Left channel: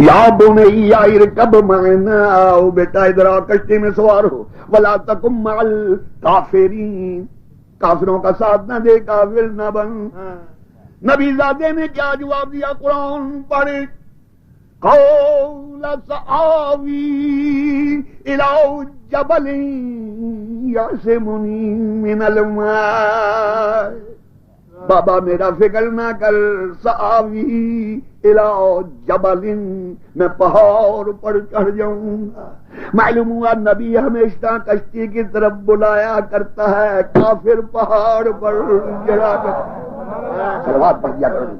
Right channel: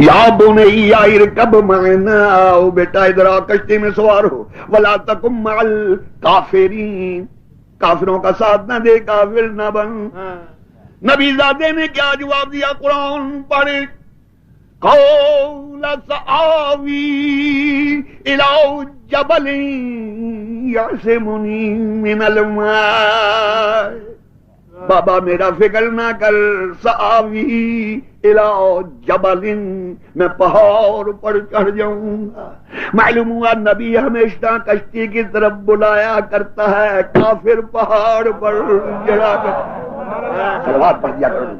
یا بنی ارکب معنا، آؤ بیٹا ادھر آ کشتی میں سوار ہو، ولا تکن مع الکافرین، کافروں کا ساتھ نہ دے، کافر نہ بن۔ نبی زادے نے کیا جواب دیا؟ قرآن پڑھ، قول سآوی الی جبل یعصمنی من الماء، بابا میرا فکر نہ کر، سآوی الی جبل، میں پہاڑ پر چڑھ جاؤں گا۔ معلوم ہوا نبی ہمیشہ کشتی کی طرف بلایا کرتا ہے، کافر پہاڑ پر چڑھا کر سلوات پڑھ دیا کرو۔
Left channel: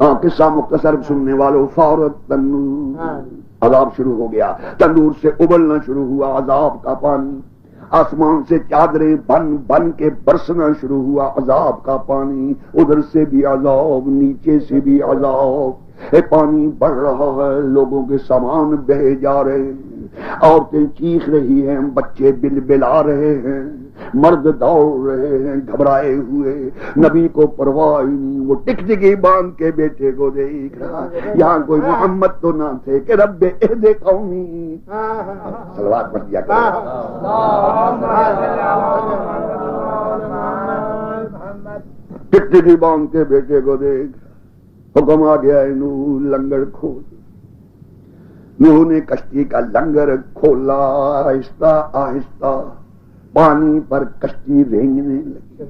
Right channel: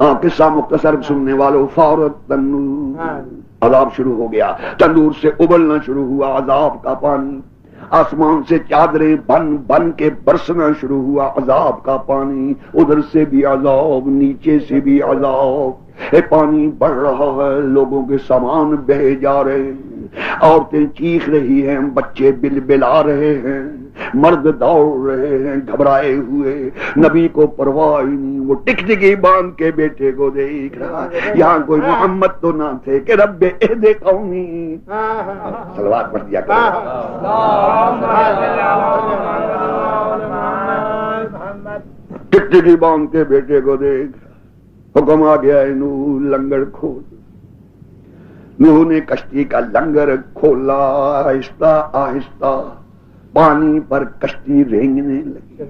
ہاں قصہ مختصر سننے والوں، فورت تنور، عذاب شروع ہو گیا، تندور سے ابلنا شروع ہوا عذاب کا پانی، آسمان سے چادریں بن بن کے برسنا شروع ہوا عذاب کا پانی، ادھر سے بھی عذاب، نیچے سے بھی عذاب، پانی بڑھ رہا ہے، لوگوں کے سامان بہے جا رہے ہیں، عورتیں چیخ رہی ہیں، بچے بلبلا رہے ہیں، مرد دوڑ رہے ہیں گھبرائے ہوئے، نبی کو پرواہ ہی نہیں، وہ ٹکٹکی باندھ کے بیٹے کو دیکھ رہا، یہاں کوئی محمد تو نہ تھے کہ رب اہد قومی، صلوات پڑھ دیا کرو۔ ٹکٹکی باندھ کے بیٹے کو دیکھ، حکم آ گیا ہے نوح لنگر کھول۔ نوح نے کشتی کا لنگر کھولا، آہستہ آہستہ پانی پر کشتی رینگنے لگی،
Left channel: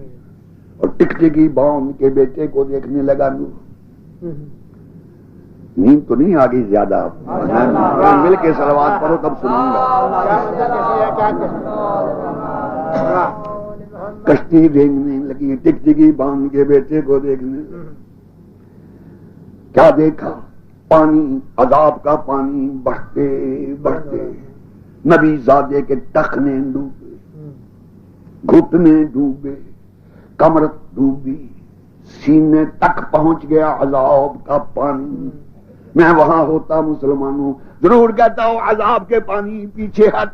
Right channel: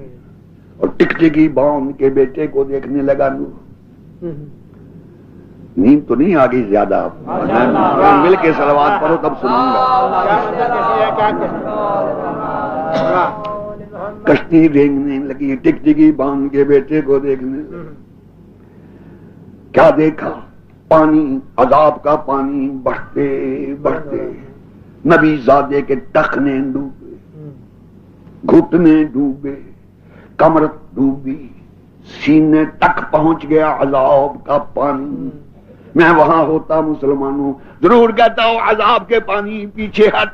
اور ٹکٹکی باندھ کے بیٹے کو دیکھنے لگا نوح۔ نیند تو نہیں آگئی زیادہ، مل کے صلوات پڑھو تب سنوں گا۔ کشتی رینگنے لگی، ٹکٹکی باندھ کے بیٹے کو دیکھنے لگا، کیا دیکھا؟ پانی، عذاب کا پانی بڑھتے بڑھتے نبی زادے کے ٹخنے ڈوبے، گھٹنے ڈوبے، کمر ڈوبی، سینے تک پہنچ گیا عذاب کا پانی۔ میں وہاں ہوتا مسلمانوں ضرور کہتا ہوں عذاب کے پانی پیچھے ہٹ،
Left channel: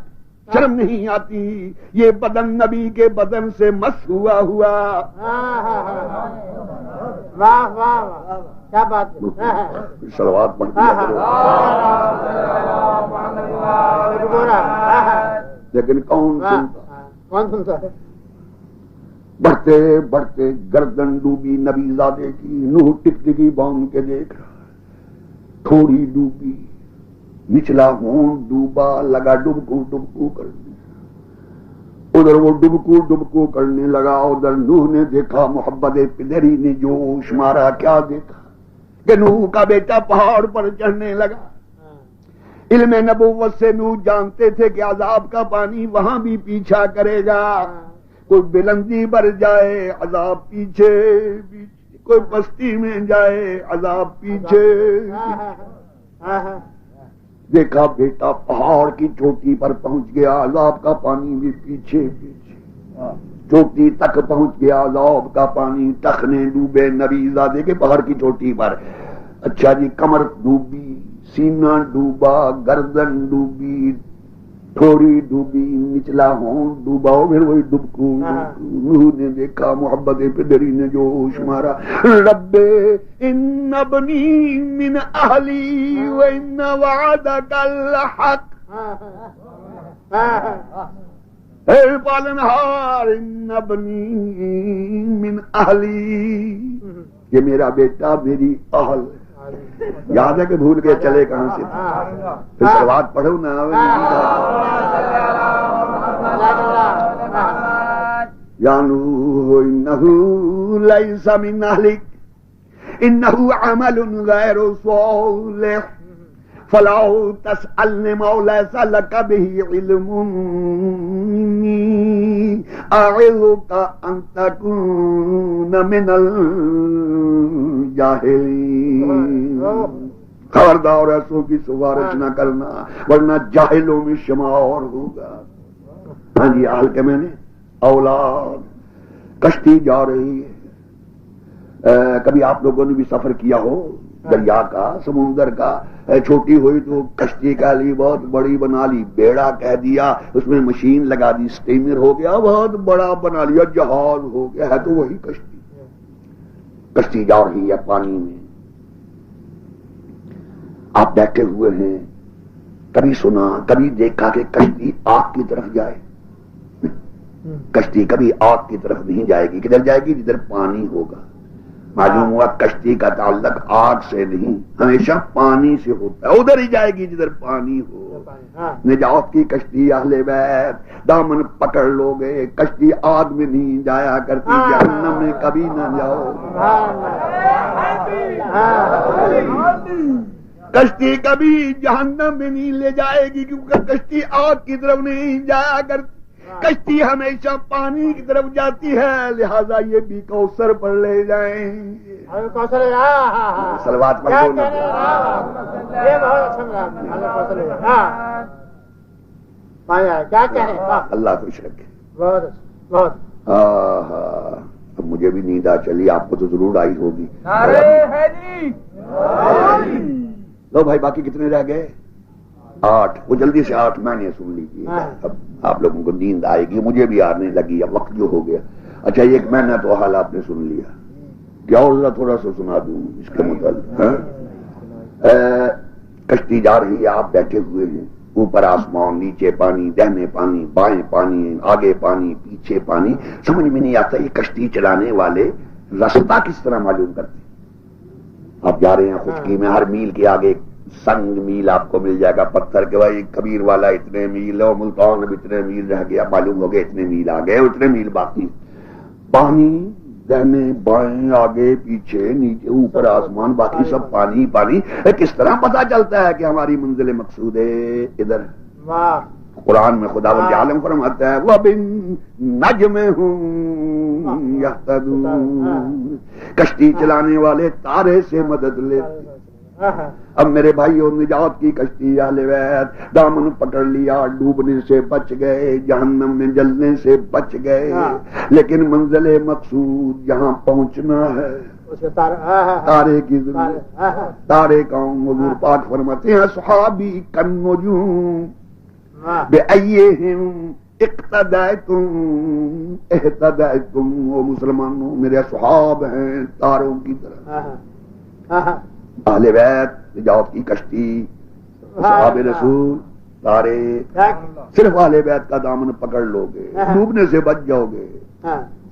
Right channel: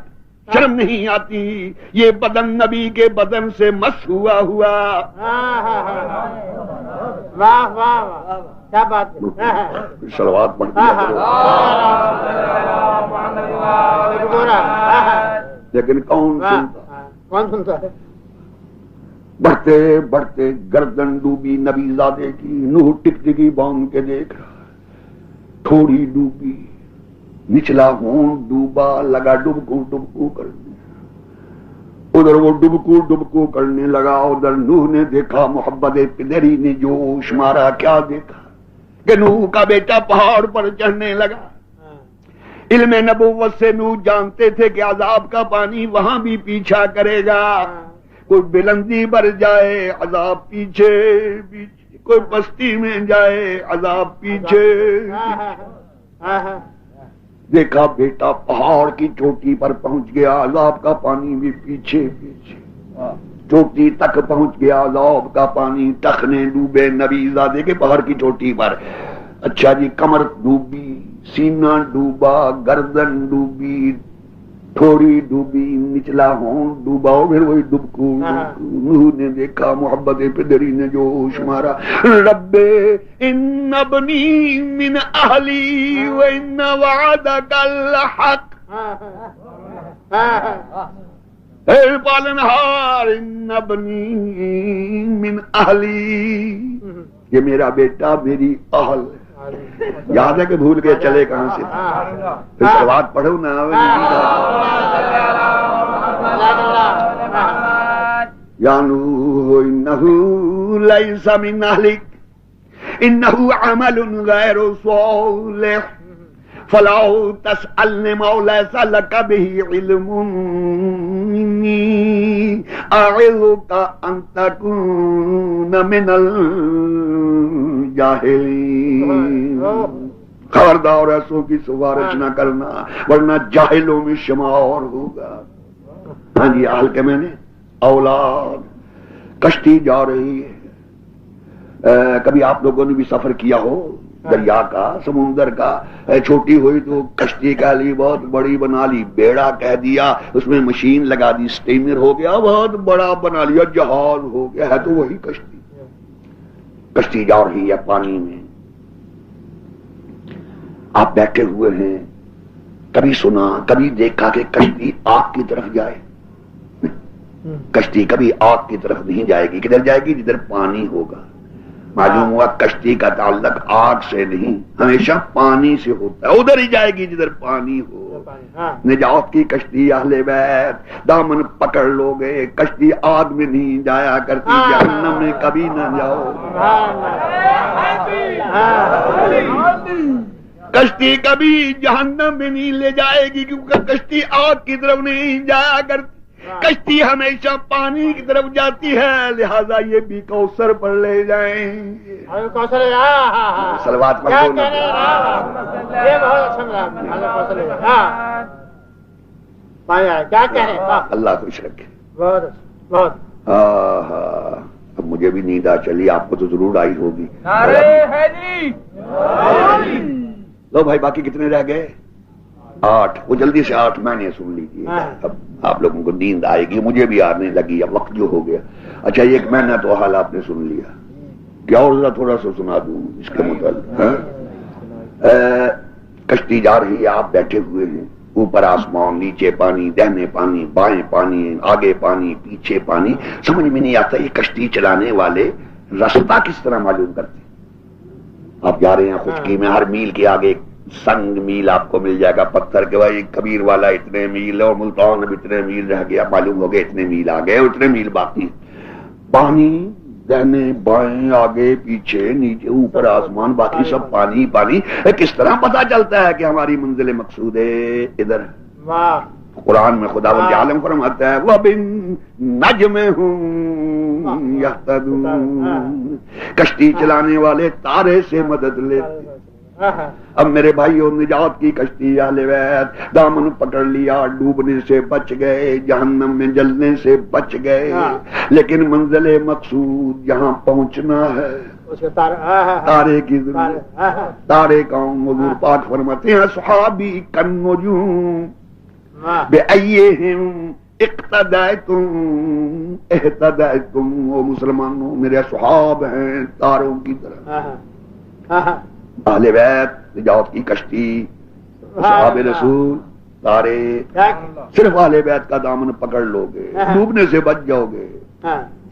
شرم نہیں آتی، یہ بدن نبی کے بدن سے مس ہوا ہوا۔ واہ واہ واہ، کیا بات ہے، صلوات پڑھ دیا کرو۔ لیکن کون سنتا ہے؟ بڑھتے بڑھتے گردن ڈوبی نبی زادے کی، نوح ٹکٹکی باندھ کے دیکھ رہا، تھوڑی ڈوبی، نچلا ہونٹ ڈوبا، لگا ڈبکو ڈبکو کرنے، ادھر وہ ڈبکو ڈبکو کرنے لگا، ادھر نوح نے دیکھا، محبت پدری نے جوش مارا، کیا دیکھا کہ نوح کا بیٹا پہاڑ پر چڑھنے لگا۔ علم نبوت سے نوح جانتے تھے کہ عذاب کا پانی وہاں بھی پیچھا کرے گا، کوئی بلندی پر جائے عذاب پیچھے پیچھے، کوئی بستی میں جائے عذاب پیچھے پیچھے۔ دیکھا بیٹا پہاڑ کی چوٹی پر پہنچ گیا، عذاب کا پانی بھی پیچھے پیچھے، چوٹی تک پہنچ گیا عذاب کا پانی، ٹخنے ڈوبے نبی زادے کے پہاڑ کی چوٹی پر۔ اچھا جی، کمر ڈوبی، سینہ ڈوبا، گردن ڈوبی، تھوڑی ڈوبی، نچلا ہونٹ ڈوبا، پھر وہی ڈبکو۔ نوح نے دیکھا، محبت پدری نے جوش مارا، رب ان ابنی من اہلی وان وعدک الحق، اے پالنہار ان ابنی من اہلی، یہ میرا بیٹا میری اہل ہے۔ یاد ہے کہ بھول کے چلے کہاں سے؟ پھر صلوات پڑھو نا۔ یا نوح انہ لیس من اہلک انہ عمل غیر صالح فلا تسألنی ما لیس لک بہ علم انی اعظک ان تکون من الجاہلین۔ خبردار ایسوں کی سفارش نہ کرنا ورنہ جاہلوں میں شمار ہوگا۔ ہاں جی، حال کے میں نے اولاد، کشتی جا رہی ہے، کبھی آپ لوگوں نے بھی سفر کیا ہو، دریا کا سمندر کا، چھوٹی ہوئی تو کشتی کہہ لی، بہت بڑی بنا لی، بیڑا کہہ دیا، اس میں مشین لگا دی، اسٹیمر ہو گیا، بہت بڑا بنا لیا، جہاز ہو گیا، ہے تو وہی کشتی۔ کشتی جا رہی ہے پانی میں، آپ بیٹھے ہوئے ہیں، کبھی سنا کبھی دیکھا کہ کشتی آگ کی طرف جائے؟ کشتی کبھی آگ کی طرف نہیں جائے گی، کدھر جائے گی؟ جدھر پانی ہوگا۔ معلوم ہوا کشتی کا تعلق آگ سے نہیں، ہمیشہ پانی سے ہوتا ہے، ادھر ہی جائے گی جدھر پانی ہو۔ نجات کی کشتی اہل بیت، دامن پکڑ لو گے، کشتی آگ میں نہیں جایا کرتی، جہنم میں کبھی نہ جاؤ۔ کشتی کبھی جہنم میں نہیں لے جائے گی، کیونکہ کشتی آگ کی طرف نہیں جایا کرتی، کشتی ہمیشہ پانی کی طرف جاتی ہے، لہذا یہ بھی کوثر پر لے جائیں۔ صلوات پڑھ دو نا۔ کیا کہہ رہے ہیں؟ اللہ خوش رکھے۔ بہت اب مجھے بھی نیند آ چلی، آپ کو تو ضرور آئی ہوگی۔ لو بھائی، باقی کتنے رہ گئے؟ 8۔ وہ جلدی سے 8 مہینے سن لیجیے، اب آپ لوگوں کو نیند آئے گی، مجھے بھی آنے لگی، اب وقت جو ہو گیا۔ اچھا، 1 مہینہ تو حال آپ نے سن لیا، کیا اور ذرا تھوڑا سا سنا دوں اس کے متعلق؟ کشتی جا رہی ہے، آپ بیٹھے ہوئے ہیں، اوپر آسمان، نیچے پانی، دہنے پانی، بائیں پانی، آگے پانی، پیچھے پانی، سمجھ میں نہیں آتا یہ کشتی چلانے والے راستہ کس طرح معلوم کرتے؟ آپ جا رہے ہیں خشکی میں، ہر میل کے آگے سنگ میل آپ کو مل جائے گا، پتھر کے، بھائی کبیر والا اتنے میل اور ملتان میں اتنے میل رہ گیا، معلوم ہو گئے اتنے میل آ گئے، اتنے میل باقی، پانی دہنے بائیں آگے پیچھے نیچے اوپر آسمان، باقی سب پانی پانی۔ کس طرح پتا چلتا ہے کہ ہماری منزل مقصود ہے ادھر؟ قرآن میں خداوند عالم فرماتا ہے وَبِالنَّجْمِ هُمْ يَهْتَدُونَ، کشتی چلانے والے تارے سے مدد لیتے۔ اب میرے بھائیوں، نجات کی کشتی اہل بیت، دامن پکڑ لیا، ڈوبنے سے بچ گئے، جہنم میں جلنے سے بچ گئے، لیکن منزل مقصود جہاں پہنچنا ہے تارے کی ضرورت۔ تارے کون؟ حضور پاک فرماتے ہیں صحابی کالنجوم بأیہم اقتدیتم اہتدیتم، وہ مسلمانوں میرے صحاب ہیں تاروں کی طرح۔ اہل بیت، نجات کی کشتی، صحاب رسول، تارے، صرف اہل بیت کا دامن پکڑ لو گے ڈوبنے سے بچ جاؤ گے،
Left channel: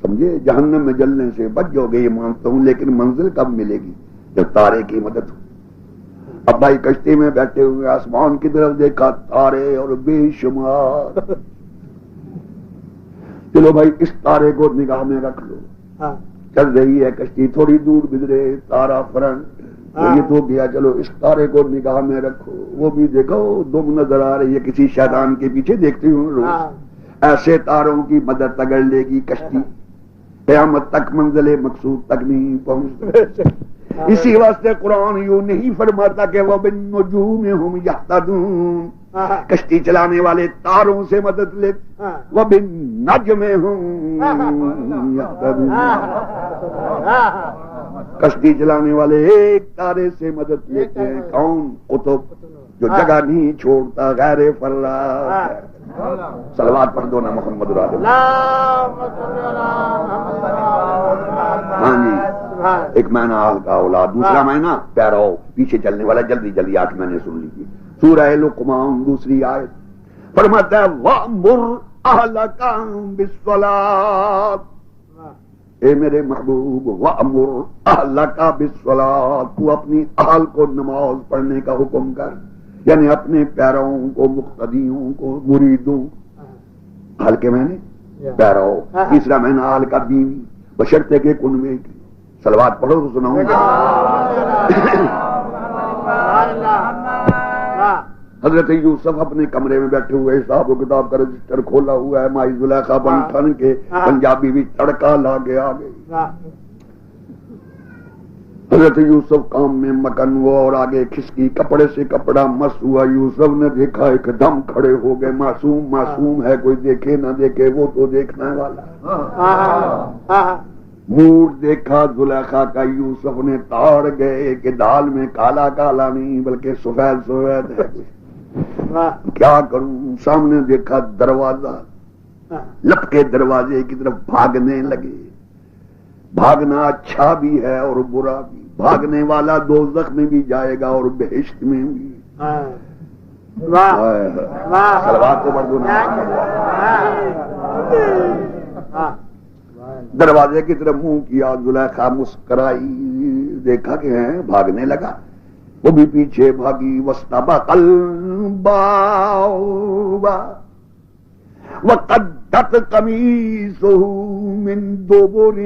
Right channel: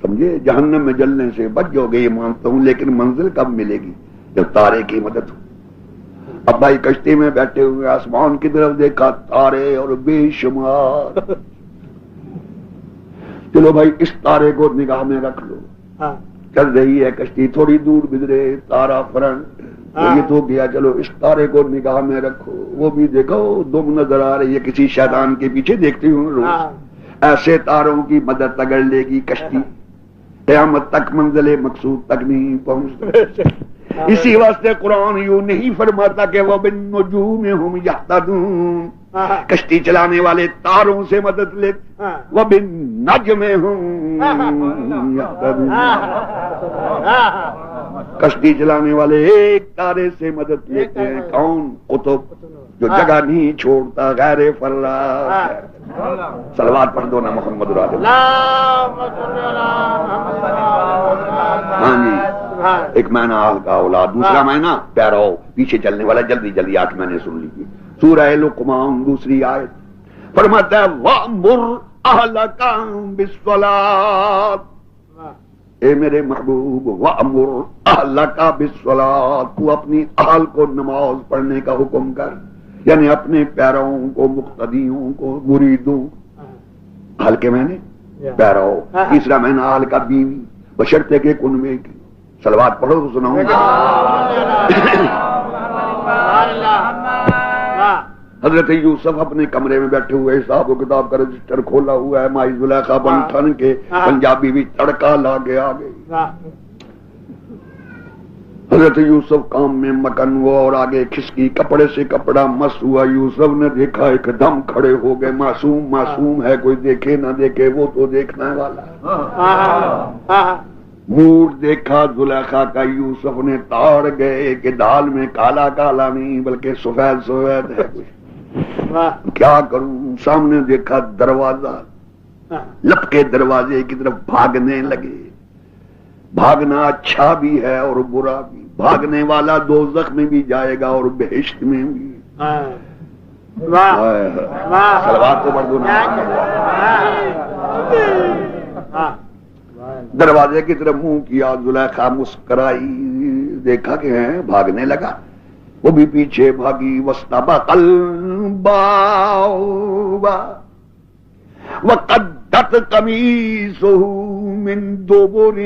سمجھے؟ جہنم میں جلنے سے بچ جاؤ گے، یہ مانتا ہوں، لیکن منزل کب ملے گی؟ جب تارے کی مدد ہو۔ اب بھائی کشتی میں بیٹھے ہوئے آسمان کی طرف دیکھا، تارے اور بے شمار، چلو بھائی اس تارے کو نگاہ میں رکھ لو، چل رہی ہے کشتی، تھوڑی دور گزرے تارا فرنٹ، یہ تو گیا، چلو اس تارے کو نگاہ میں رکھو، وہ بھی دیکھو دم نظر آ رہی ہے، کسی شیطان کے پیچھے دیکھتی ہوں روز۔ ایسے تاروں کی مدد اگر لے گی کشتی، قیامت تک منزل مقصود تک نہیں پہنچتی۔ اسی واسطے قرآن یوں نہیں فرماتا کہ وَبِالنُّجُومِ هُمْ يَهْتَدُونَ، کشتی چلانے والے تاروں سے مدد لیتے، وَبِالنَّجْمِ هُمْ يَهْتَدُونَ، کشتی چلانے والے ایک تارے سے مدد لیتے ہیں، کون؟ قطب، جو جگہ نہیں چھوڑتا، غیر فراق۔ صلوات پڑھ دو نا محمد رسول اللہ۔ ہاں جی، ایک مہینہ آل کا اولاد، دوسرا مہینہ پیراؤ، پیچھے چلنے والا، جلدی جلدی 8 مہینے سن لیجیے۔ سورہ لقمان دوسری آیت فرماتا ہے وَأْمُرْ أَهْلَكَ بِالصَّلَاةِ، اے میرے محبوب، وَأْمُرْ أَهْلَكَ بِالصَّلَاةِ، تو اپنی اہل کو نماز پڑھنے کا حکم کر، یعنی اپنے پیرووں کو، مقتدیوں کو، مریدوں، اہل کے معنی پیرو۔ تیسرا مہینہ اہل کا بیوی، بشرطے کے کنویں کی۔ صلوات پڑھو تو سناؤں گا۔ حضرت یوسف اپنے کمرے میں بیٹھے ہوئے، حساب و کتاب کا رجسٹر کھولا ہوا ہے، مائی زلیخا بن ٹھن کے پنجابی بھی تڑکا لا کے آ گئی۔ حضرت یوسف کام میں مکن ہوا اور آگے کھسکی، کپڑے سے کپڑا مس ہوا۔ یوسف نے دیکھا، ایک دم کھڑے ہو گئے، معصوم معصوم ہے، کوئی دیکھے نہ دیکھے وہ تو دیکھنے والا۔ مور دیکھا زلیخا کا یوسف نے تاڑ گئے کہ دال میں کالا کالا نہیں بلکہ سفید سفید ہے کچھ، کیا کروں؟ سامنے دیکھا دروازہ، لپکے دروازے کی طرف بھاگنے لگے۔ بھاگنا اچھا بھی ہے اور برا بھی، بھاگنے والا دوزخ میں بھی جائے گا اور بہشت میں بھی۔ سلوات کو پڑھ دو نا۔ دروازے کی طرف منہ کیا، زلیخا مسکرائی، دیکھا کہ ہیں بھاگنے لگا، وہ بھی پیچھے بھاگی۔ واستبق الباب وقدت قمیصه من دبر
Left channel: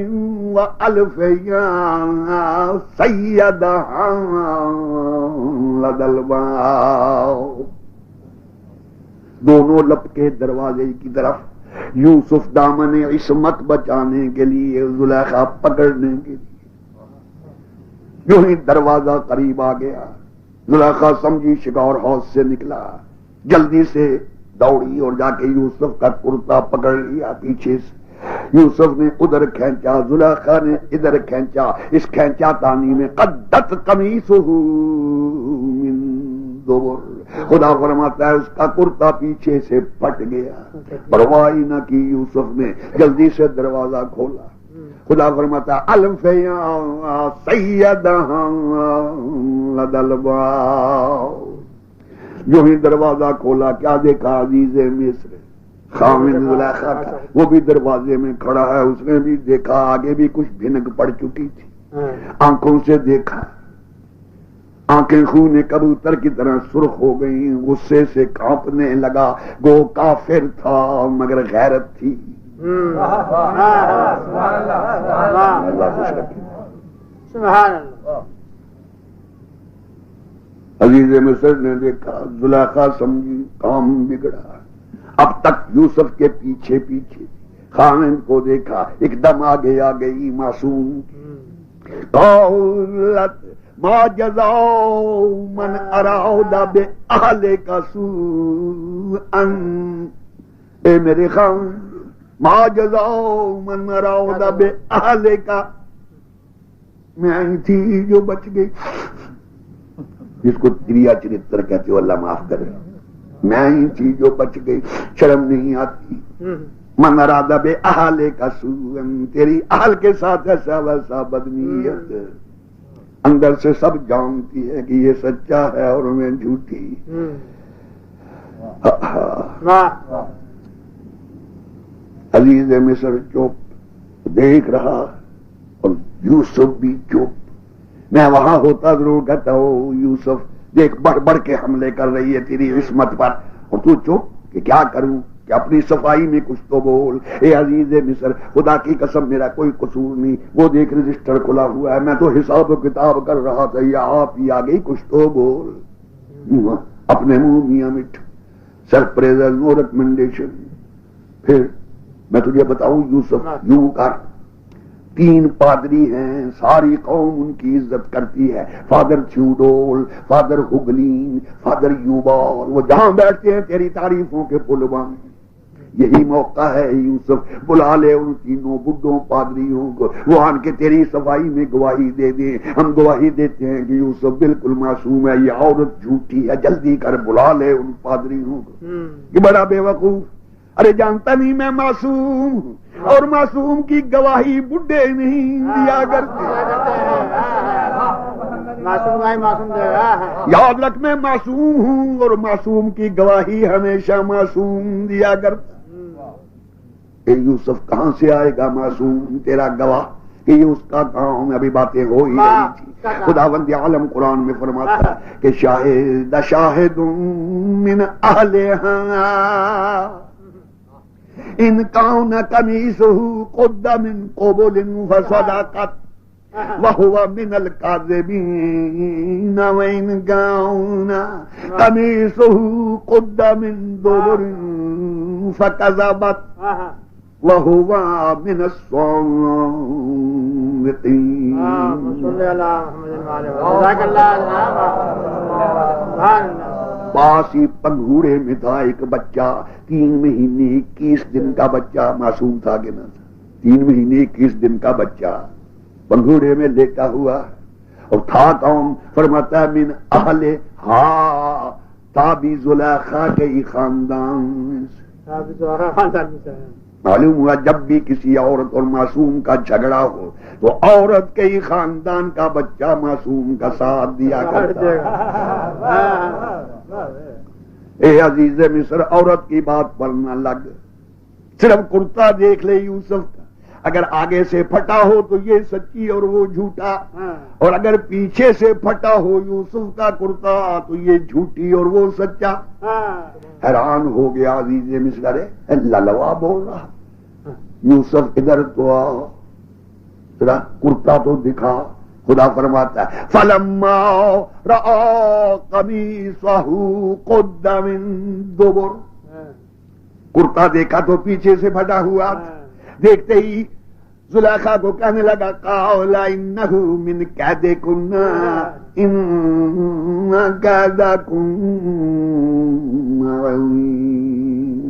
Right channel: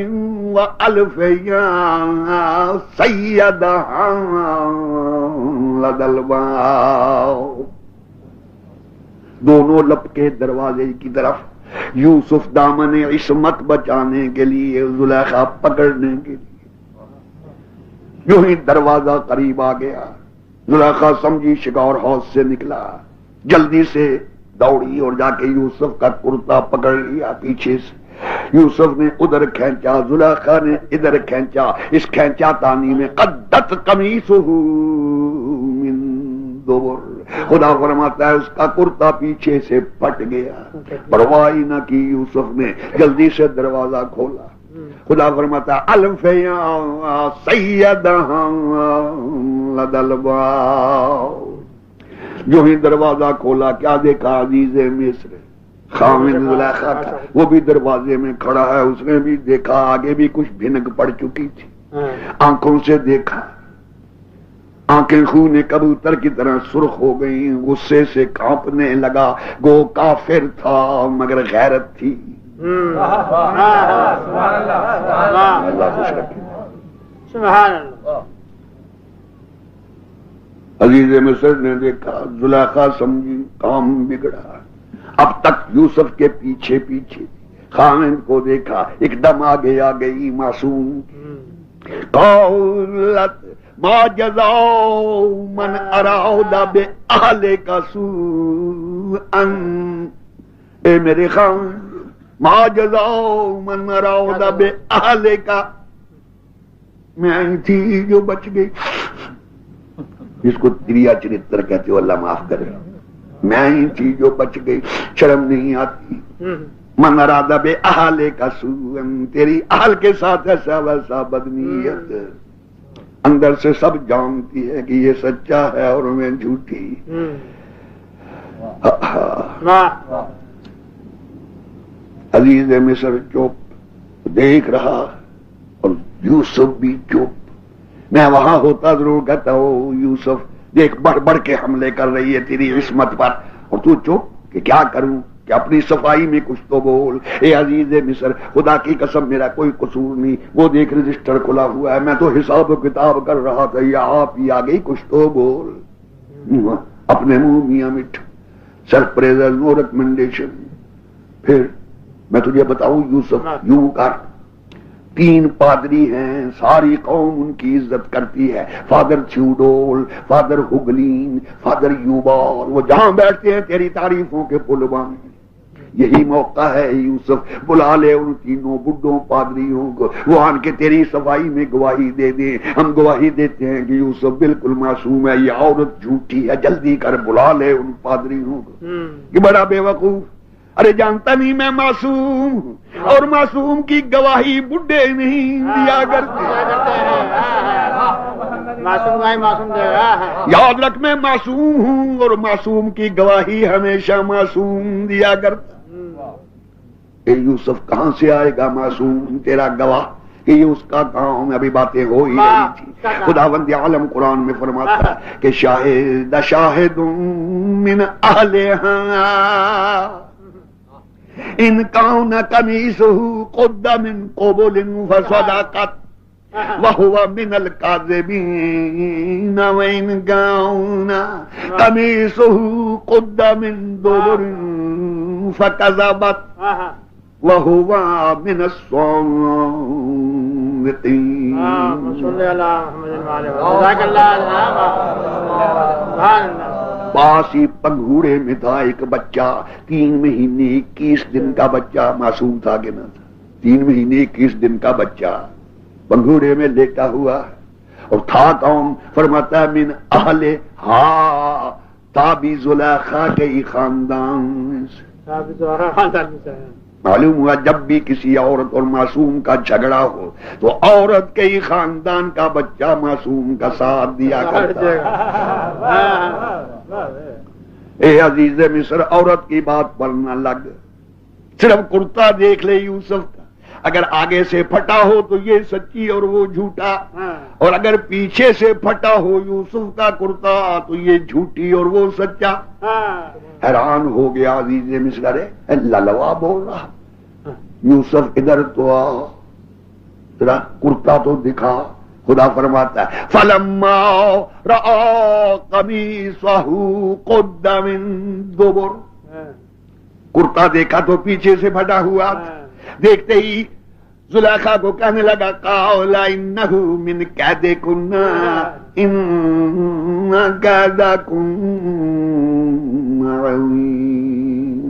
والف یا سیدها لدى الباب، دونوں لپکے دروازے کی طرف۔ یوسف دامن عصمت بچانے کے لیے، زلیخا پکڑنے کے لیے۔ یوں ہی دروازہ قریب آ گیا، زلیخا سمجھی شکار حوض سے نکلا، جلدی سے دوڑی اور جا کے یوسف کا کرتا پکڑ لیا پیچھے سے۔ یوسف نے ادھر کھینچا، زلیخا نے ادھر کھینچا، اس کھینچا تانی میں قدت قمیصہ من دبر، خدا فرماتا ہے اس کا کرتا پیچھے سے پھٹ گیا۔ پرواہ نہ کی یوسف نے، جلدی سے دروازہ کھولا۔ خدا فرماتا ہے الف یا سیدھا لدى الباب، جو ہی دروازہ کھولا کیا دیکھا؟ عزیز مصر خاوند زلیخا کا، وہ بھی دروازے میں کھڑا ہے۔ اس نے بھی دیکھا، آگے بھی کچھ بھنک پڑ چکی تھی، آنکھوں سے دیکھا، آنکھیں خون کبوتر کی طرح سرخ ہو گئی، غصے سے کانپنے لگا۔ گو کافر تھا مگر غیرت تھی۔ اللہ خوش رکھے۔ سبحان اللہ۔ عزیز مصر نے دیکھا، زلیخا سمجھی کام بگڑا۔ اب تک یوسف کے پیچھے پیچھے خاوند کو دیکھا، ایک دم آگے آ گئی معصوم۔ قولت ما جزاء من اراد باہلک سوءا، اے میرے خاوند، ما جزاء من اراد باہلک، میں آئی تھی جو بچ گئی، جس کو تریا چرتر کہتے ہو اللہ معاف کرے، میں ہی تھی جو بچ گئی، شرم نہیں آتی؟ من اراد باہلک سوءا، تیری اہل کے ساتھ ایسا ویسا بدنیت، اندر سے سب جانتی ہے کہ یہ سچا ہے اور میں جھوٹی۔ عزیز مصر چپ دیکھ رہا اور یوسف بھی چپ۔ میں وہاں ہوتا ضرور کہتا ہوں یوسف دیکھ بڑھ بڑھ کے حملے کر رہی ہے تیری عصمت پر، اور تو چپ کہ کیا کروں، کہ اپنی صفائی میں کچھ تو بول۔ اے عزیز مصر، خدا کی قسم میرا کوئی قصور نہیں، وہ دیکھ رجسٹر کھلا ہوا ہے، میں تو حساب و کتاب کر رہا تھا، یا آپ ہی آ گئی، کچھ تو بول۔ اپنے منہ میاں مٹھ، سرپریزر، نو ریکمنڈیشن۔ پھر میں تجھے بتاؤں یوسف، یوں کر، 3 پادری ہیں، ساری قوم ان کی عزت کرتی ہے، فادر تھیوڈول، فادر ہوگلین، فادر یوبال، وہ جہاں بیٹھتے ہیں تیری تعریفوں کے پل بان۔ یہی موقع ہے یوسف، بلا لے ان 3 بڈھوں پادریوں کو، وہ آن کے تیری صفائی میں گواہی دے دیں۔ ہم گواہی دیتے ہیں کہ یوسف بالکل معصوم ہے، یہ عورت جھوٹی ہے، جلدی کر بلا لے ان پادریوں کو۔ کہ بڑا بے وقوف، ارے جانتا نہیں میں معصوم ہوں، اور معصوم کی گواہی بڈھے نہیں دیا کرتے۔ یاد رکھ میں معصوم ہوں، اور معصوم کی گواہی ہمیشہ معصوم دیا کرتا۔ اے یوسف کہاں سے آئے گا معصوم تیرا گواہ، کہ یہ اس کا کام، ابھی باتیں ہو ہی رہی تھی۔ خداوند عالم قرآن میں فرماتا ہے کہ شاہد شاہد من اہلہا ان کان قمیصہ قد من قبل فصدقت وهو من الكاذبین وان کان قمیصہ قد من دبر فکذبت وهو من الصادقین۔ پاس ہی پنگھوڑے میں تھا ایک بچہ، 3 مہینے 21 دن کا بچہ، معصوم تھا کہ نہ تھا؟ 3 مہینے 21 دن کا بچہ بنگھوڑے میں لیٹا ہوا ہے، اور تھا کون؟ فرماتا من اہل ہا تابی زلیخا کے ہی خاندان سے۔ معلوم ہوا جب بھی کسی عورت اور معصوم کا جھگڑا ہو تو عورت کے ہی خاندان کا بچہ معصوم کا ساتھ دیا کرتا ہے۔ اے عزیز مصر، عورت کی بات پر نہ لگ، صرف کرتا دیکھ لے یوسف کا، اگر آگے سے پھٹا ہو تو یہ سچی اور وہ جھوٹا، اور اگر پیچھے سے پھٹا ہو یوسف کا کرتا تو یہ جھوٹی اور وہ سچا۔ حیران ہو گیا عزیز مصر، ارے للوا بول رہا، یوسف ادھر تو آ، ذرا کرتا تو دکھا۔ خدا فرماتا ہے فلما رأى قميصه قد من دبر، کرتا دیکھا تو پیچھے سے پھٹا ہوا، دیکھتے ہی زلیخا کو کہنے لگا قال انه من کیدکن ان کیدکن عظیم،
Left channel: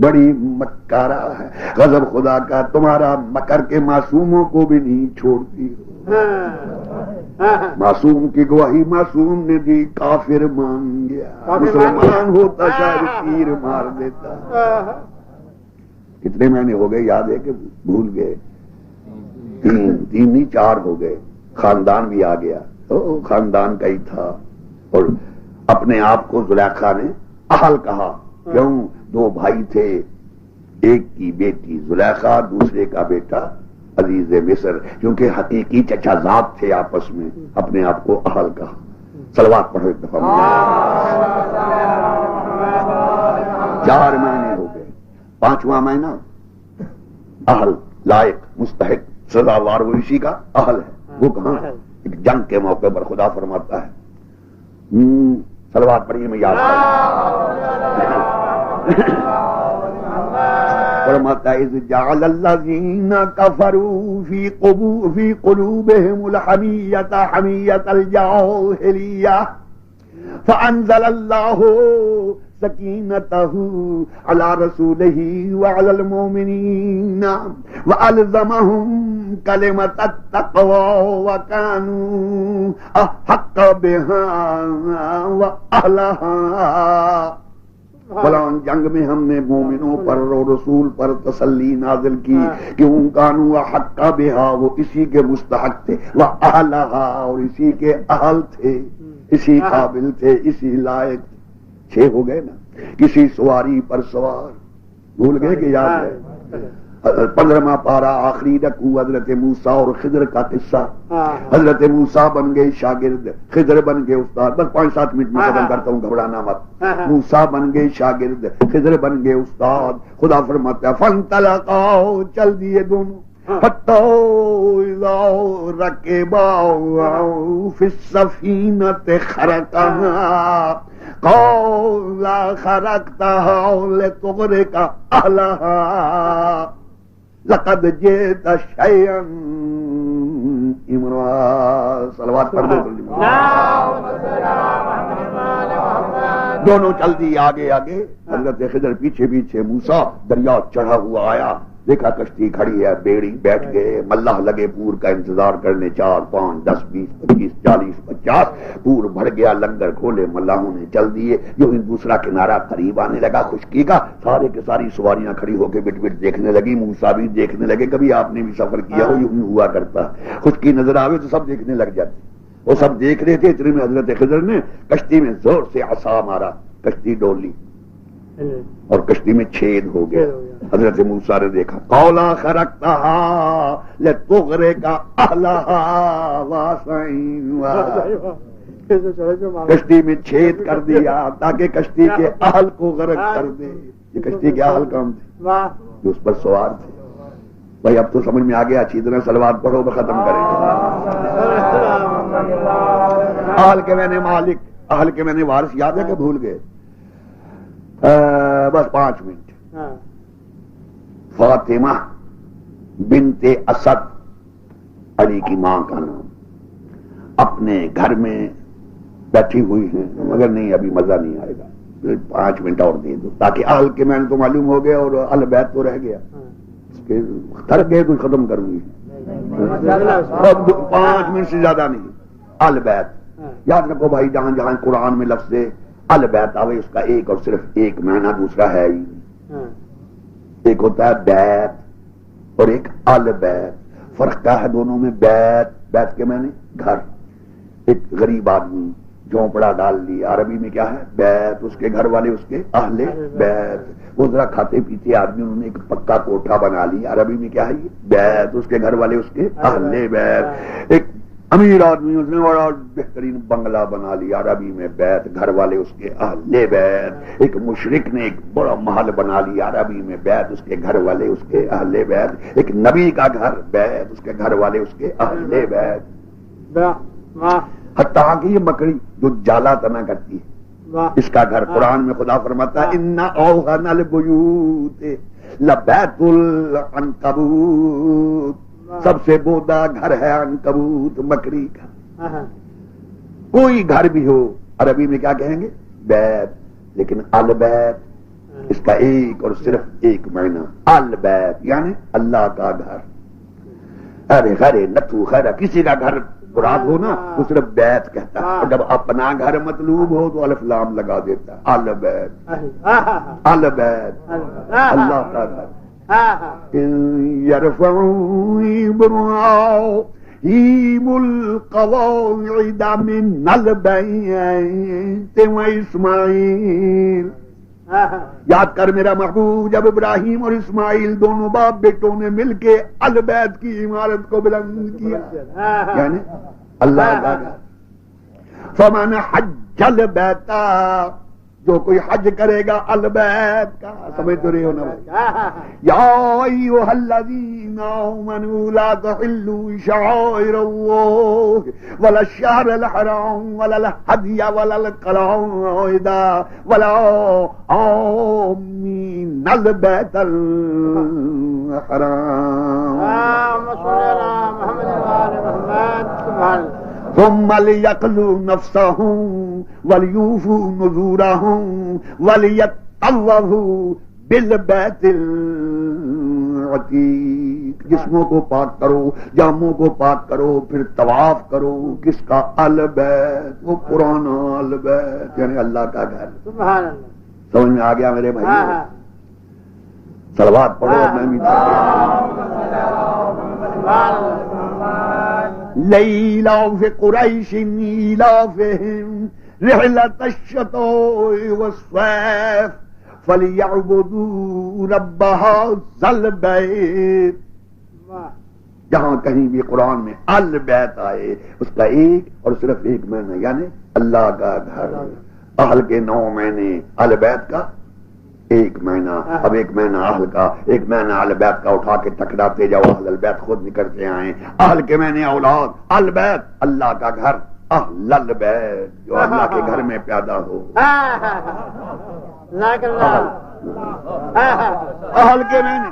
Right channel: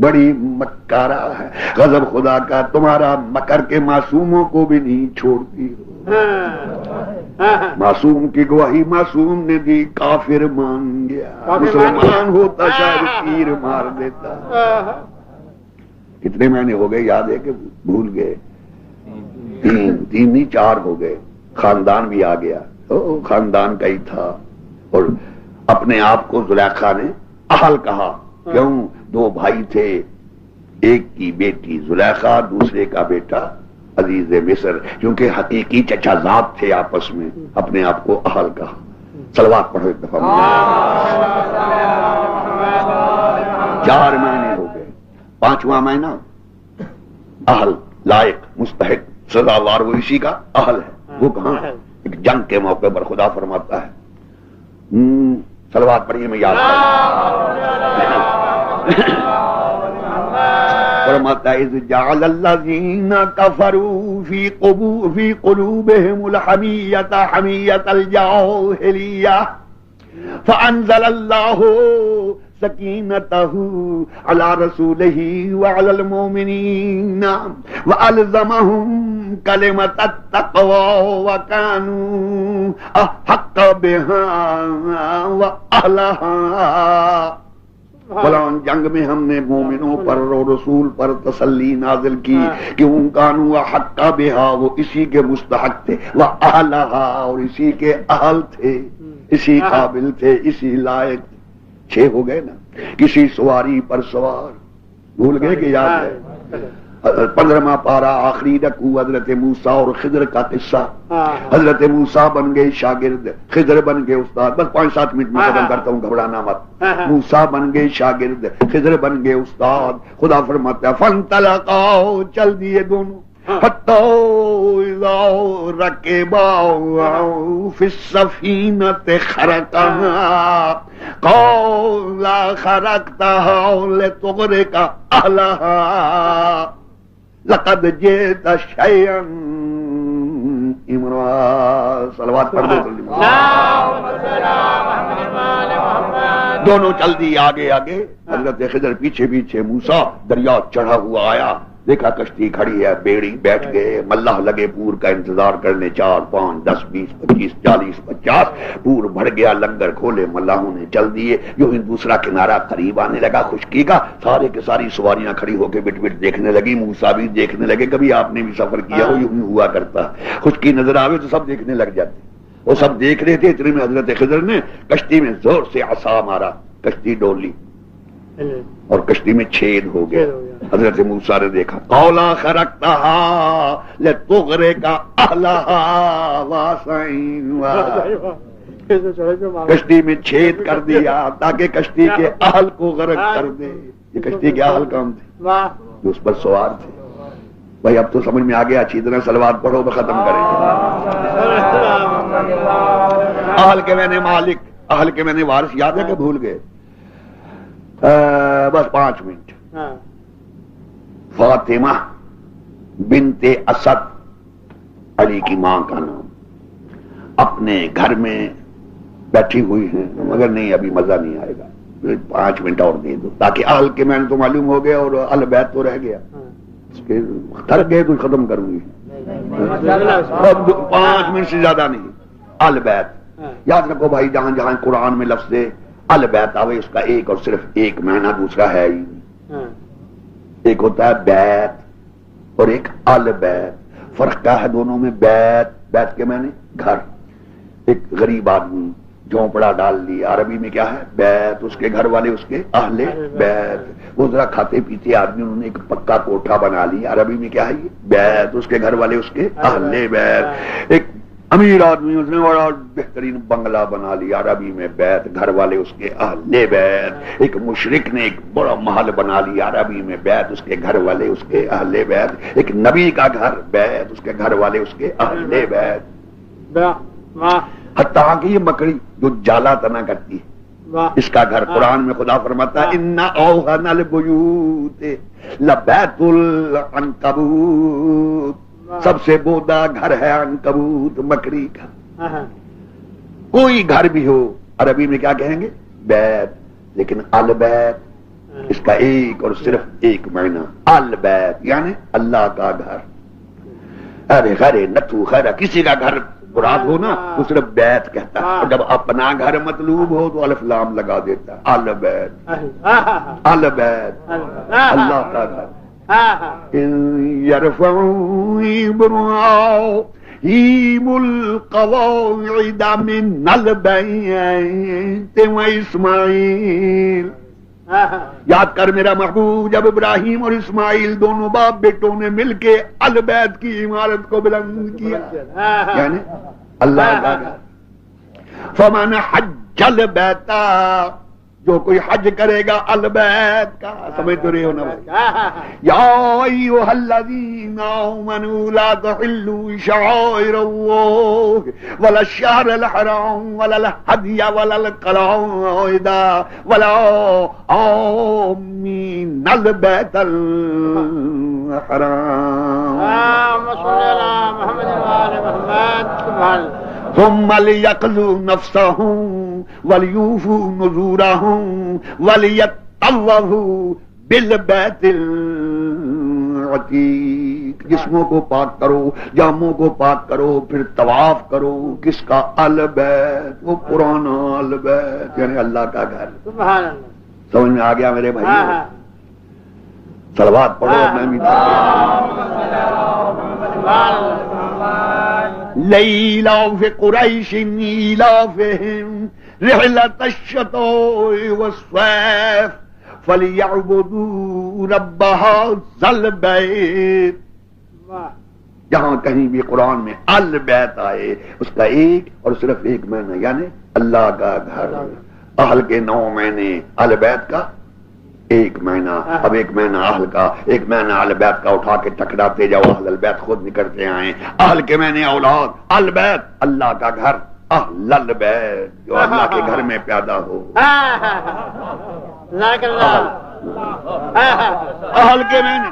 بڑی مکارہ ہے، غضب خدا کا تمہارا مکر کے معصوموں کو بھی نہیں چھوڑتی ہو۔ معصوم کی گواہی معصوم نے دی، کافر مان گیا، مسلمان ہوتا شاید تیر مار دیتا۔ کتنے مہینے ہو گئے یاد ہے کہ بھول گئے؟ 3 نہیں 4 ہو گئے، خاندان بھی آ گیا، خاندان کا ہی تھا، اور اپنے آپ کو زلیخا نے اہل کہا، کیوں؟ 2 بھائی تھے، ایک کی بیٹی زلیخا، دوسرے کا بیٹا عزیز مصر، کیونکہ حقیقی چچا زاد تھے آپس میں، اپنے آپ کو اہل کہا۔ صلوات پڑھو ایک دفعہ۔ 4 مہینے ہو گئے، 5واں مہینہ اہل، لائق، مستحق، سزاوار وہ اسی کا اہل ہے۔ وہ کہاں؟ ایک جنگ کے موقع پر خدا فرماتا ہے، صلوات پڑھیے میں یاد فرماتا ہے اذ جعل الذین کفروا فی قلوبہم الحمیۃ حمیۃ الجاہلیہ فانزل اللہ سکینتہ علی رسولہ وعلی المؤمنین وألزمہم کلمۃ التقوی وکانوا احق بہا واہلہا۔ فلان جنگ میں ہم نے مومنوں پر اور رسول پر تسلی نازل کی، کیوں؟ کانوا حق بہا، وہ اسی کے مستحق تھے، واہلہا، اور اسی کے اہل تھے، اسی قابل تھے، اسی لائق تھے۔ 6 ہو گئے نا، کسی سواری پر سوار، بھول گئے کہ یاد ہے؟ 15واں پارہ آخری رکوع، حضرت موسیٰ اور خضر کا قصہ۔ حضرت موسیٰ بن گئے شاگرد، خضر بن گئے استاد۔ بس 5-7 منٹ میں ختم کرتا ہوں، گھبرانا مت۔ موسیٰ بن گئے شاگرد، خضر بن گئے استاد۔ خدا فرماتا ہے فانطلقا، چل دیے دونوں، حتی اذا رکبا فی السفینۃ خرقہا قال خرقتها لتغرق اہلہا لقد جئت شیئا امرا۔ صلوات پڑھ دو۔ دونوں چل دی آگے آگے، حضرت خضر پیچھے پیچھے، موسیٰ دریا چڑھا ہوا آیا، دیکھا کشتی کھڑی ہے، بیڑی بیٹھ گئے، ملاح لگے پور کا انتظار کرنے، 4 5 10 20 25 40 50 پور بڑھ گیا، لنگر کھولے، ملاحوں نے چل دیے، یوں ہی دوسرا کنارہ قریب آنے لگا خشکی کا، سارے کے ساری سواریاں کھڑی ہو کے بٹ بٹ دیکھنے لگی، موسیٰ بھی دیکھنے لگے، کبھی آپ نے بھی سفر کیا ہو، یوں ہی ہوا کرتا، خشکی نظر آوے تو سب دیکھنے لگ جاتے، وہ سب دیکھ رہے تھے، اتنے میں حضرت خضر نے کشتی میں زور سے عصا مارا، کشتی ڈول لی اور کشتی میں چھید ہو گیا۔ حضرت موسیٰ نے دیکھا، قولا خرقتہا لتغرق اہلہا واسعین، کشتی میں چھید کر دیا تاکہ کشتی کے اہل کو غرق کر دے۔ یہ کشتی کے اہل کون تھے؟ جو اس پر سوار تھے۔ بھائی اب تو سمجھ میں آ گیا، اچھی طرح صلوات پڑھو تو ختم کریں۔ اہل کے میں نے مالک، اہل کے میں نے وارث، یاد ہے کہ بھول گئے؟ بس 5 منٹ۔ فاطمہ بنت اسد، علی کی ماں کا نام، اپنے گھر میں بیٹھی ہوئی ہیں، مگر نہیں ابھی مزہ نہیں آئے گا، 5 منٹ اور دے دو تاکہ اہل کے میں نے تو معلوم ہو گیا اور اہل بیت تو رہ گیا۔ کے تھک گئے تو ختم کروں گی، 5 منٹ سے زیادہ نہیں. البیت یاد رکھو بھائی، جہاں جہاں قرآن میں لفظ البیت آوے اس کا ایک اور صرف ایک معنی، دوسرا ہے ہی. ایک ہوتا ہے بیت اور ایک البیت. فرق کیا ہے دونوں میں؟ بیت کے معنی گھر. ایک غریب آدمی جھونپڑا ڈال لیا، عربی میں کیا ہے؟ بیت. اس کے گھر والے اس کے اہل بیت. وہ ذرا کھاتے پیتے آدمی، انہوں نے ایک پکا کوٹھا بنا لیا، عربی میں کیا ہے؟ یہ بیت. اس کے گھر والے اس کے اہل بیت. ایک امیر آدمی، اس نے بڑا بہترین بنگلہ بنا لیا، عربی میں بیت. گھر والے اس کے اہل بیت. ایک مشرک نے ایک بڑا محل بنا لیا، عربی میں بیت. اس کے گھر والے اس کے اہل بیت. ایک نبی کا گھر بیت، اس کے گھر والے اس کے اہل بیت. حتیٰ کہ یہ مکڑی جو جالا تنا کرتی ہے، اس کا گھر قرآن میں خدا فرماتا ہے ان اوہن البیوت لبیت العنکبوت. سب سے بودا گھر ہے عنکبوت، مکڑی کا. کوئی گھر بھی ہو عربی میں کیا کہیں گے؟ بیت. لیکن البیت اس کا ایک اور صرف ایک معنی، البیت یعنی اللہ کا گھر. ارے خیر نتو خیر کسی کا گھر مراد ہو نا تو صرف بیت کہتا ہے، اور جب اپنا گھر مطلوب ہو تو الف لام لگا دیتا ہے. البیت، البیت اللہ کا گھر. يرفعوا إبراهيم القواعد من البيت وإسماعيل. یاد کر میرا محبوب، جب ابراہیم اور اسماعیل دونوں باپ بیٹوں نے مل کے البیت کی عمارت کو بلند کیا، یعنی اللہ کا گھر. فمن حج البیت، جو کوئی حج کرے گا البیت کا. سمجھ تو رہے ہو نا؟ یا ایھا الذین آمنوا لا تحلوا شعائر اللہ ولا الشہر الحرام ولا الہدی ولا القلائد ولا آمین البیت الحرام. اللهم صل على محمد وعلى محمد. سبحان اللہ. ثم ليقضوا نفسهم وليوفوا نذورهم وليطوفوا بالبيت العتيق. جسموں کو پاک کرو، جاموں کو پاک کرو، پھر طواف کرو. کس کا؟ البیت. وہ پرانا البیت یعنی اللہ کا گھر. سبحان اللہ. سمجھ میں آ گیا میرے بھائی؟ صلوات پڑھو. میں بھی لإيلاف قريش إيلافهم رحلة الشتاء والصيف فليعبدوا رب هذا البيت. جہاں کہیں بھی قرآن میں البیت آئے اس کا ایک اور صرف ایک معنی یعنی اللہ کا گھر. اہل کے 9 معنی، البیت کا ایک معنی. اب ایک معنی اہل کا، ایک معنی البیت کا اٹھا کے ٹکراتے جاؤ، اہل البیت خود نکلتے آئیں. اہل کے معنی اولاد، البیت اللہ کا گھر. اہل البیت جو اللہ کے گھر میں پیدا ہو. اہل کے معنی،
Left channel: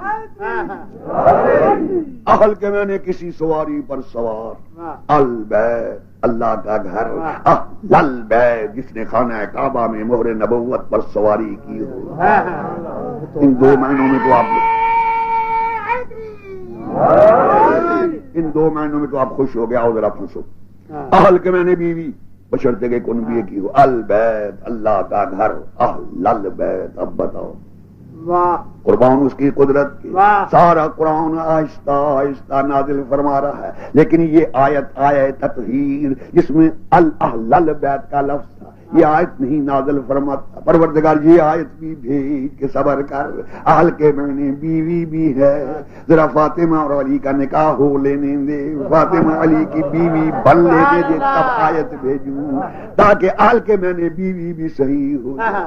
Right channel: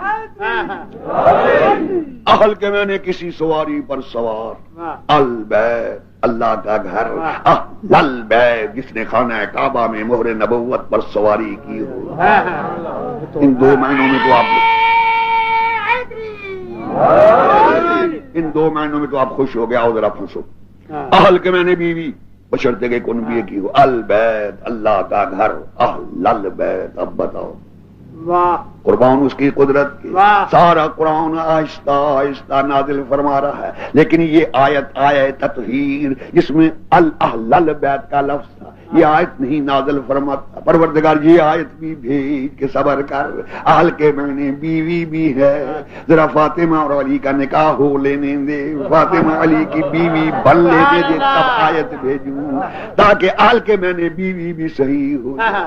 اہل کے معنی کسی سواری پر سوار. البیت اللہ کا گھر. اہل البیت جس نے خانہ کعبہ میں مہر نبوت پر سواری کی ہو. ان 2 معنوں میں تو آپ خوش ہو گیا. اور ذرا پھنسو. اہل کے معنی بیوی بشرطے کے کنبیے کی ہو. البیت اللہ کا گھر. اہل البیت. اب بتاؤ قربان اس کی قدرت کی. سارا قرآن آہستہ آہستہ نازل فرما رہا ہے، لیکن یہ آیت آیت تطہیر جس میں اہل البیت کا لفظ تھا، یہ آیت نہیں نازل فرماتا. پروردگار یہ آیت بھی بھیج کہ صبر کر. اہل کے معنی بیوی بھی ہے. ذرا فاطمہ اور علی کا نکاح ہو لینے دے، فاطمہ علی کی بیوی بن لینے دے، تب آیت بھیجوں تاکہ اہل کے معنی بیوی بھی صحیح ہو جائے.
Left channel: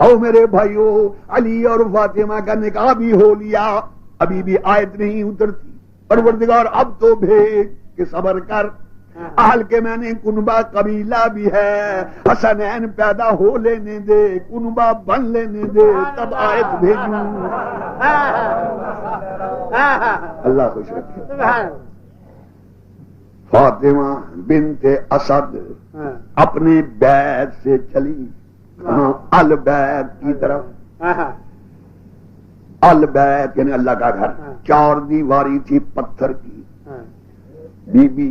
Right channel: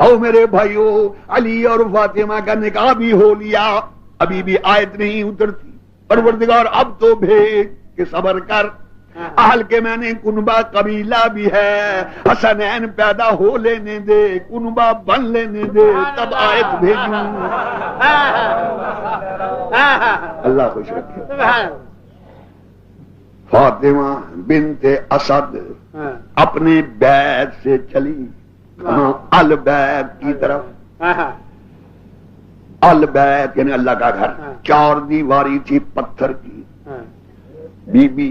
او میرے بھائیو، علی اور فاطمہ کا نکاح بھی ہو لیا، ابھی بھی آیت نہیں اترتی. پروردگار اب تو بھیج کہ صبر کر. اہل کے معنی کنبہ قبیلہ بھی ہے. حسنین پیدا ہو لینے دے، کنبہ بن لینے دے، تب آیت بھیجوں. اللہ خوش رکھے. فاطمہ بنت اسد اپنے بیت سے چلی البیت کی طرف. البیت یعنی اللہ کا گھر، 4 دیواری تھی پتھر کی. بی بی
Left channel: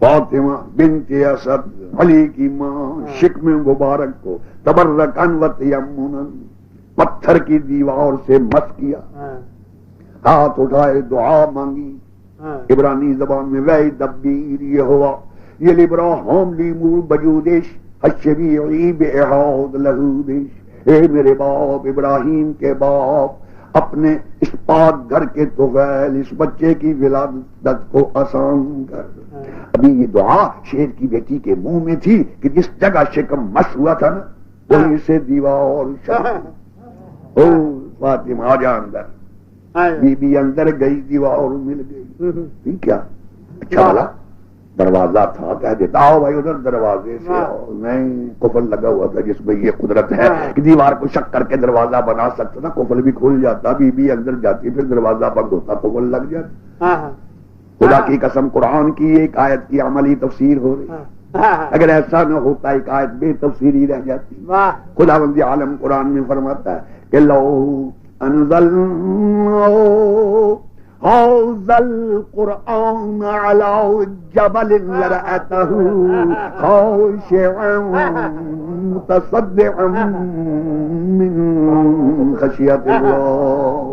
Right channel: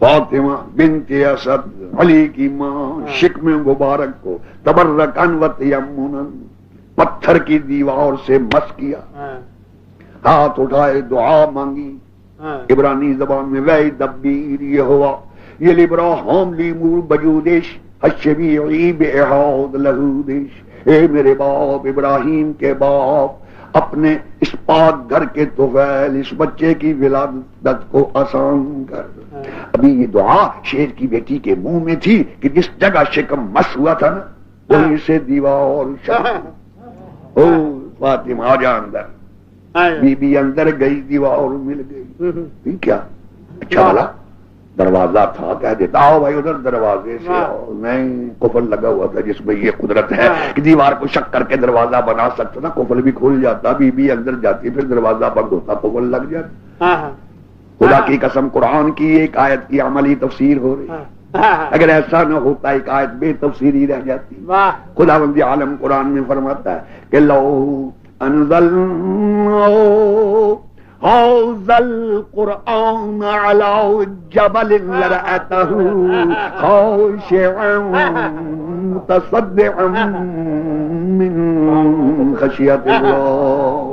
فاطمہ بنت اسد علی کی ماں شکم مبارک کو تبرکن و تیمنا پتھر کی دیوار سے مس کیا، ہاتھ اٹھائے دعا مانگی. عبرانی زبان میں وی دبیر یہ ہوا یہ لبراہم لیمور بجودش الشبیعی بإحاض لہودش. اے میرے باپ ابراہیم کے باپ، اپنے اس پاک گھر کے طفیل اس بچے کی ولادت کو آسان کر. ابھی یہ دعا شیر کی بیٹی کے منہ میں تھی کہ جس جگہ شکم مس ہوا تھا نا وہیں سے دیوار او فاطمہ آ جا اندر. بی بی اندر گئی، دیوار مل گئی. کیا اچھا والا دروازہ تھا، کہہ دیتا آؤ بھائی ادھر دروازے سے آؤ. نہیں، قفل لگا ہوا تھا جس میں یہ قدرت ہے کہ دیوار کو شک کر کے دروازہ بنا سکتا نا. قفل بھی کھل جاتا، بی بی اندر جاتی پھر دروازہ بند ہوتا، قفل لگ جاتا. خدا کی قسم قرآن کی ایک آیت کی عملی تفسیر ہو رہی ہے. اگر ایسا نہ ہوتا ایک آیت بے تفسیری رہ جاتی. خداوند عالم قرآن میں فرماتا ہے کہ لو انزلنا هذا القرآن على جبل لرأيته خاشعا متصدعا من خشية الله.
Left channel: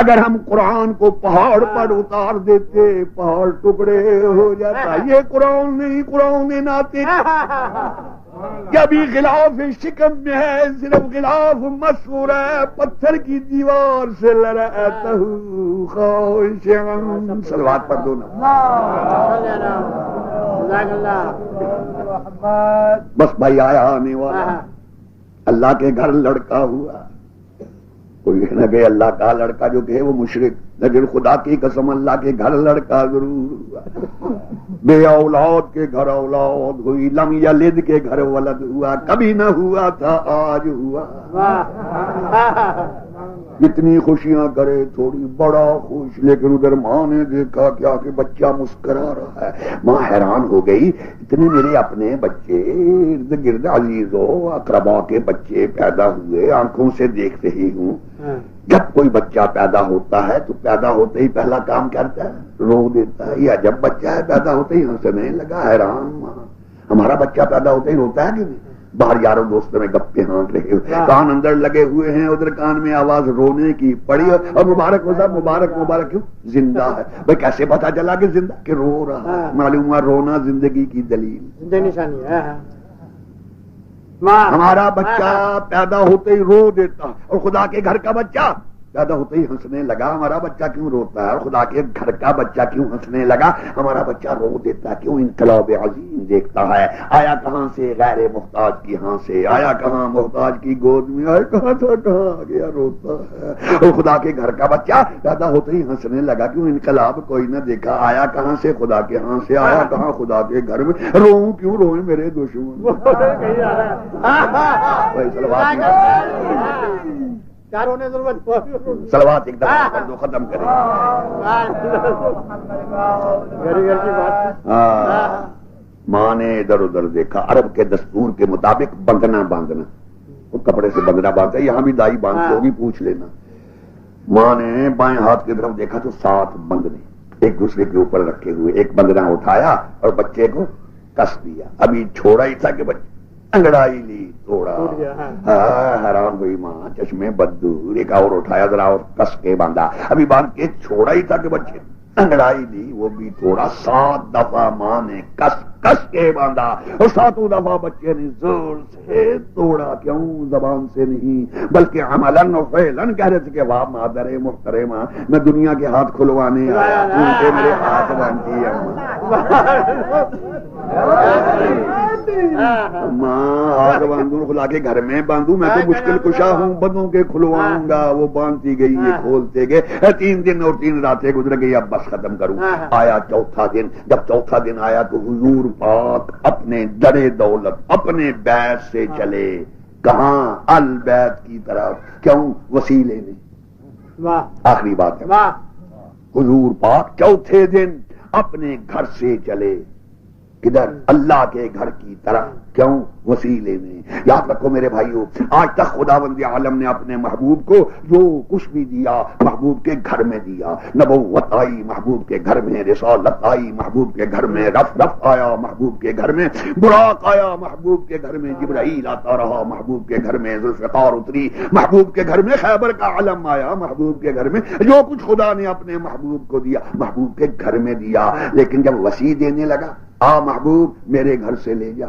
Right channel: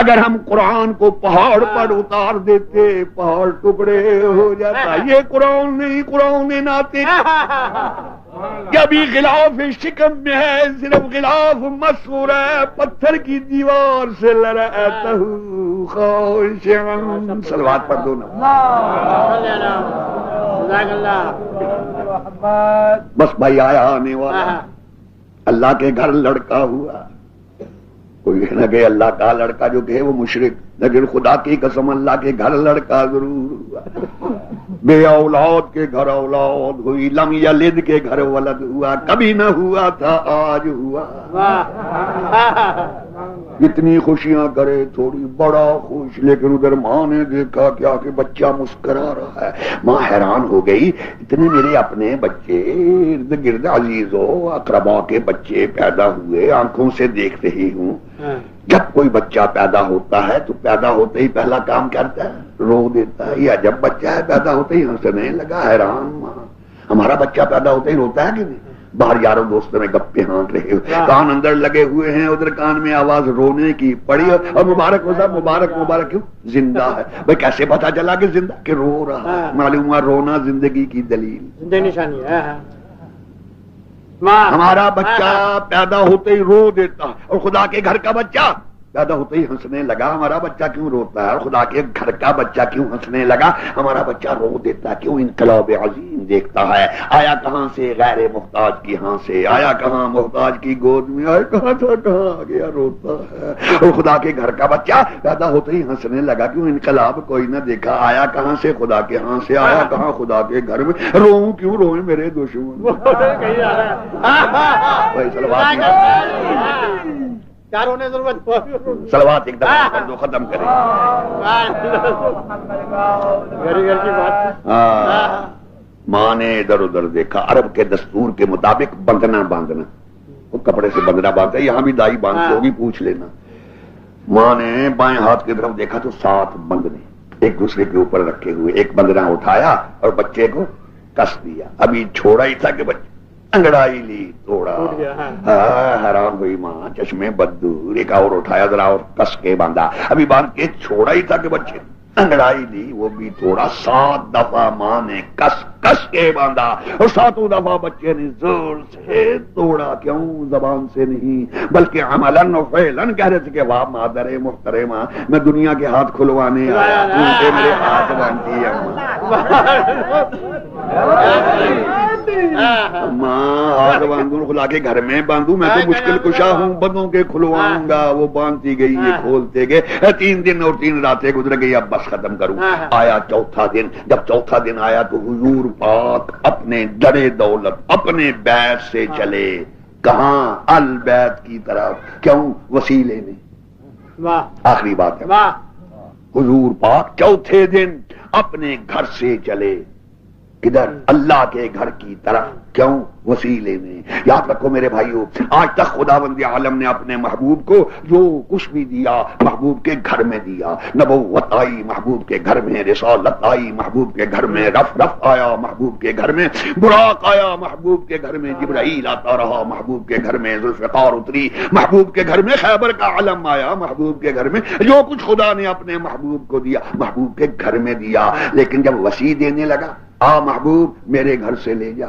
اگر ہم قرآن کو پہاڑ پر اتار دیتے پہاڑ ٹکڑے ہو جاتا. یہ قرآن نہیں، قرآن ناطق ابھی غلاف شکم میں ہے، صرف غلاف مسور ہے پتھر کی دیوار سے لرأته خاشعا. صلوات پڑھ دو نا. بس بھائی آیا آنے والا اللہ کے گھر لڑکا ہوا. کوئی نہ کہ اللہ کا لڑکا جو کہ وہ مشرک، لیکن خدا کی قسم اللہ کے گھر لڑکا ضرور ہوا. بے اولاد کے گھر اولاد ہوئی، لم یلد کے گھر ولد ہوا. کبھی نہ ہوا تھا آج ہوا. اتنی خوشیاں کرے تھوڑی بڑا خوش، لیکن ادھر ماں نے دیکھا کیا کہ بچہ مسکرا رہا ہے. ماں حیران ہو گئی، اتنے میرے اپنے بچے ارد گرد عزیزوں اقربا کے بچے پیدا ہوئے، آنکھوں سے دیکھ رہی ہوں. جب کوئی بچہ پیدا ہوتا ہے تو پیدا ہوتے ہی پہلا کام کرتا ہے رو دیتا ہے. یا جب بچہ ہے پیدا ہوتے ہی ہنسنے لگا. حیران ماں، ہمارا بچہ پیدا ہوتے ہی روتا ہے کہ نہیں؟ باہر یاروں دوستوں میں گپے ہانک رہے ہو، کان اندر لگے ہوئے ہیں، ادھر کان میں آواز رونے کی پڑی اور مبارک ہو صاحب مبارک مبارک. کیوں؟ زندہ ہے. بھائی کیسے پتا چلا کہ زندہ؟ کہ رو رہا ہے. معلوم ہوا رونا زندگی کی دلیل نشانی ہے. ہمارا بچہ پیدا ہوتے ہی رو دیتا اور خدا کے گھر کا بچہ پیدا ہوتے ہی ہنسنے لگا. ہمارا بچہ کیوں روتا ہے؟ اور خدا کے گھر کا بچہ کیوں ہنسنے لگا؟ ہمارا بچہ رو دیتا کیوں؟ انقلاب عظیم دیکھتا ہے. آیا کہاں سے؟ غیر محتاج کی ہاں سے. آیا کہاں؟ محتاج کی گود میں. آیا کہاں تھا؟ کہاں آ گیا؟ روتا ہے. اور خدا کے گھر کا بچہ پیدا ہوتے ہی ہنسنے لگا کیوں؟ انقلاب کوئی نہ دیکھا. آیا کہاں سے؟ خدا کے ہاں سے. آیا کہاں؟ خدا کے گھر میں. رو کیوں؟ روئے میرے دشمن. سلوات ایک دفعہ کر دو ختم کریں. ماں نے ادھر ادھر دیکھا. عرب کے دستور کے مطابق باندھنا وہ کپڑے سے بندنا باندھتا ہے. یہاں بھی دائی باندھتی ہوگی، پوچھ لینا. ماں نے بائیں ہاتھ کی طرف دیکھا تو 7 بندنے ایک دوسرے کے اوپر رکھے ہوئے. ایک بندنا اٹھایا اور بچے کو کس دیا. ابھی چھوڑا ہی تھا کہ بچے انگڑائی لی، توڑا. حیران ہوئی ماں، چشمے بددور. ایک اور اٹھایا ذرا اور کس کے باندھا. ابھی باندھ کے چھوڑا ہی تھا کہ بچے انگڑائی لی، وہ بھی توڑا. 7 دفعہ ماں نے کس کس کے باندھا اور 7 دفعہ بچے نے زور سے توڑا. کیوں؟ زبان سے نہیں بلکہ عملاً و فعلاً کہہ رہے تھے کہ واہ مادر محترمہ، میں دنیا کے ہاتھ کھلوانے آیا ہوں، میرے ہاتھ باندھی ماں. ہاتھ باندھوں خدا کے گھر میں باندھوں؟ میں تو مشکل کشا ہوں، بدوں کے کھلواؤں گا. وہ باندھتی گئی، یہ کھولتے گئے. 3 دن اور 3 راتیں گزر گئی. اب بس ختم کروں. آیا چوتھا دن. جب چوتھا دن آیا تو حضور پاک اپنے جڑے دولت اپنے بیت سے چلے. کہاں؟ البیت کی طرف. کیوں؟ وسیلے میں. آخری بات ہے، حضور پاک چوتھے دن اپنے گھر سے چلے. کدھر؟ اللہ کے گھر کی طرف. کیوں؟ وسیلے میں. یاد رکھو میرے بھائیوں، آج تک خداوند عالم نے اپنے محبوب کو جو کچھ بھی دیا محبوب کے گھر میں دیا. نبوت آئی محبوب کے گھر میں، رسالت آئی محبوب کے گھر میں، رف آیا محبوب کے گھر میں، براق آیا محبوب کے گھر میں، جبرائیل آتا رہا محبوب کے گھر میں، ذوالفقار اتری محبوب کے گھر میں، خیبر کا علم آیا محبوب کے گھر میں. جو کچھ خدا نے اپنے محبوب کو دیا محبوب کے گھر میں دیا. لیکن جب وسیع دینے لگا، آ محبوب میرے گھر سے لے جا،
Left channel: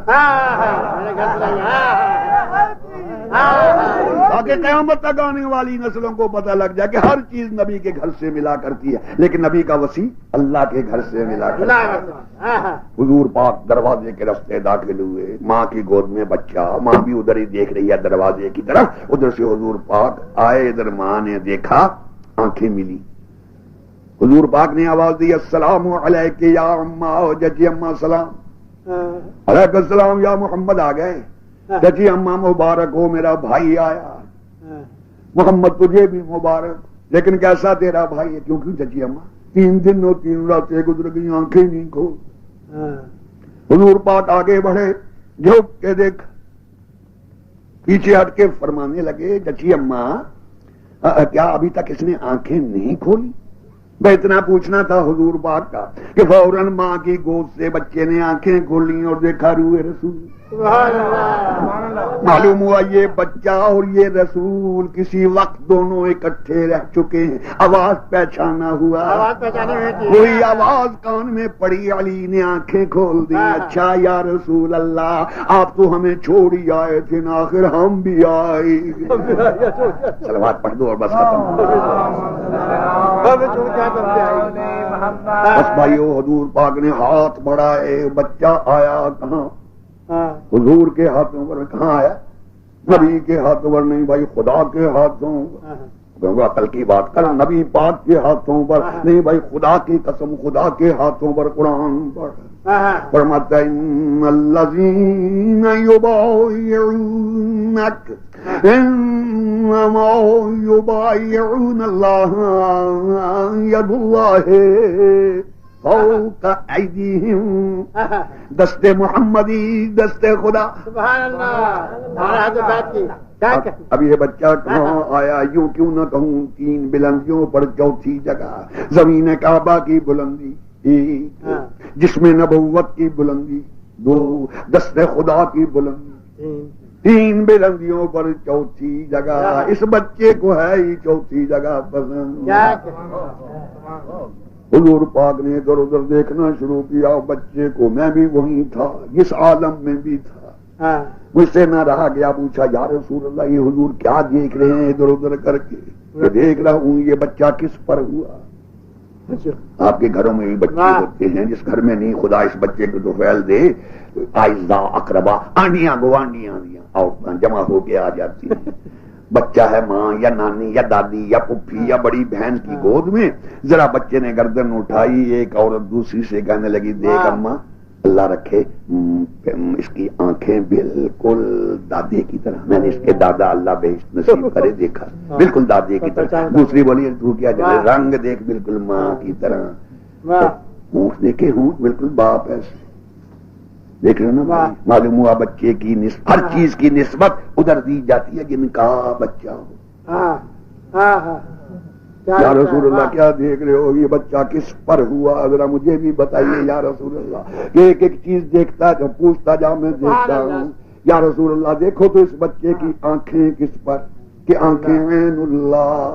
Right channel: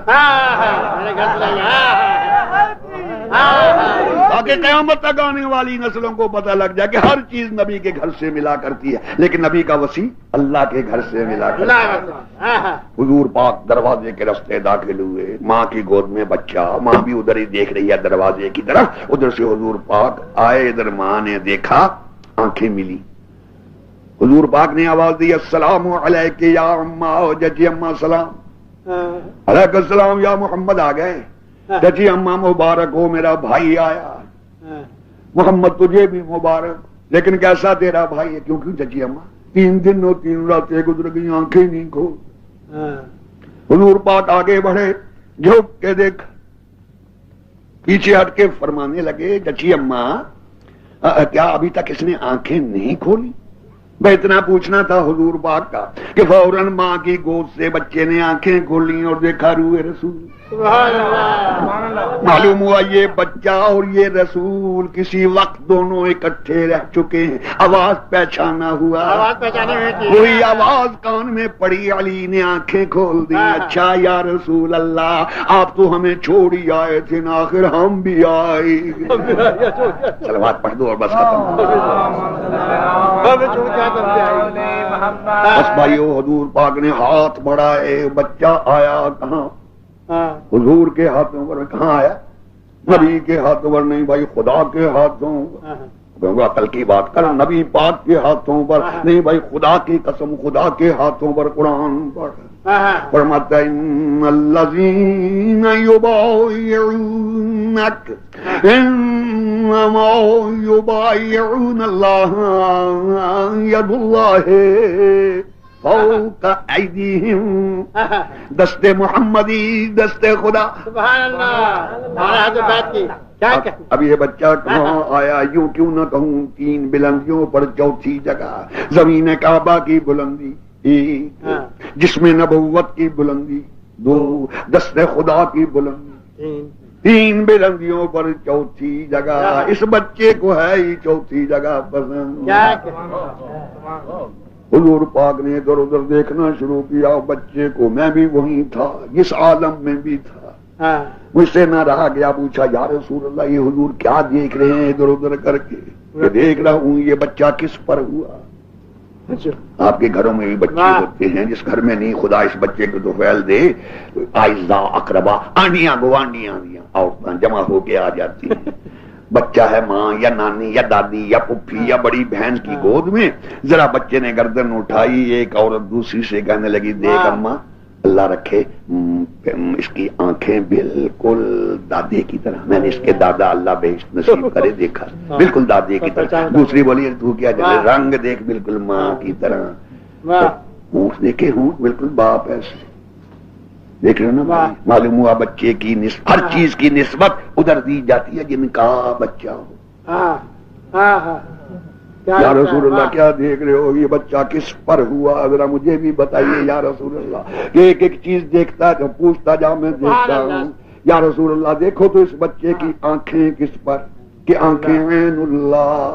تاکہ قیامت تک آنے والی نسلوں کو پتہ لگ جائے کہ ہر چیز نبی کے گھر سے ملا کرتی ہے، لیکن نبی کا وسیع اللہ کے گھر سے ملا کرتی ہے. حضور پاک دروازے کے راستے داخل ہوئے، ماں کی گود میں بچہ، ماں بھی ادھر ہی دیکھ رہی ہے دروازے کی طرف. ادھر سے حضور پاک آئے، ادھر ماں نے دیکھا، آنکھیں ملی. حضور پاک نے آواز دی، السلام علیک یا اماں. ججی اماں سلام. علیک السلام یا محمد. آ گئے. ججی اماں مبارک ہو، میرا بھائی آیا. محمد تجھے بھی مبارک، لیکن کیسا تیرا بھائی ہے؟ کیونکہ ججی اماں 3 دن اور 3 راتیں گزر گئی، آنکھیں نہیں کھول. حضور پاک آگے بڑھے، جھک کے دیکھ، پیچھے ہٹ کے فرمانے لگے، ججی اماں کیا ابھی تک اس نے آنکھیں نہیں کھولی؟ میں اتنا پوچھنا تھا حضور پاک کا کہ فوراً ماں کی گود سے بچے نے آنکھیں کھولی اور دیکھا روئے رسول. معلوم ہوا یہ بچہ اور یہ رسول کسی وقت دونوں اکٹھے رہ چکے ہیں. آواز پہچانا ہوا، کوئی آواز کان میں پڑی، علی نے آنکھیں کھول دی. اچھا یا رسول اللہ، آپ تو ہمیں چھوڑ ہی آئے تھے نا، آخر ہم بھی آئے. صلوات پڑھ دو اور بس ختم. بس بھائیو، حضور پاک نے ہاتھ بڑھائے، بچہ آیا کہاں؟ حضور کے ہاتھوں پر. کہاں آیا؟ نبی کے ہاتھوں پر نہیں بھائی، خدا کے ہاتھوں. عقل کی بات کر، نبی پاک کے ہاتھوں پر نہیں بھائی، خدا کی قسم خدا کے ہاتھوں پر. قرآن پڑھ فرماتا ہے، ان الذین یبایعونک انما یبایعون اللہ ید اللہ فوق ایدیہم. دست محمدی، دست خدا. سبحان اللہ. اب یہ بچہ کہاں آیا؟ یوں کیوں نہ کہوں 3 بلندیوں پر چوتھی جگہ، زمین کعبہ کی بلندی 1، جسم نبوت کی بلندی 2، دست خدا کی بلندی 3 بلندیوں پر چوتھی جگہ. اس بچے کو ہے ہی چوتھی جگہ پسند. حضور پاک نے ادھر ادھر دیکھنا شروع کیا بچے کو. میں بھی وہیں تھا، جس عالم میں بھی تھا. مجھ سے نہ رہا گیا، پوچھا یا رسول اللہ یہ حضور کیا دیکھ رہے ہیں ادھر ادھر کر کے؟ کہ دیکھ رہا ہوں یہ بچہ کس پر ہوا. آپ کے گھروں میں بھی بچے ہوتے ہیں، جس گھر میں نہیں خدا اس بچے کو تو پھیل دے. آئزہ اقربا، آنڈیاں گوانڈیاں عورتیں جمع ہو کے آ جاتی ہیں. بچہ ہے ماں یا نانی یا دادی یا پھوپھی یا بڑی بہن کی گود میں. ذرا بچے نے گردن اٹھائی، ایک عورت دوسری سے کہنے لگی، دیکھ اماں اللہ رکھے اس کی آنکھیں بالکل دادے کی طرح. میں نے اس کے دادا اللہ بہشت نصیب کرے دیکھا، بالکل دادے کی طرح. دوسری بولی تو کیا جائے، رنگ دیکھ بالکل ماں کی طرح. ہونٹ دیکھے، ہونٹ بالکل باپ ایسے. دیکھ رہے نا، معلوم ہوا بچے کی ہر چیز کی نسبت ادھر دی جاتی ہے جن کا بچہ ہو. یا رسول اللہ کیا دیکھ رہے ہو؟ یہ بچہ کس پر ہوا؟ ذرا مجھے بھی بتائیے یا رسول اللہ. ایک ایک چیز دیکھتا ہے تو پوچھتا جا، میں دیکھتا ہوں. یا رسول اللہ دیکھو تو اس بچے کی آنکھیں کس پر؟ کہ آنکھیں عین اللہ.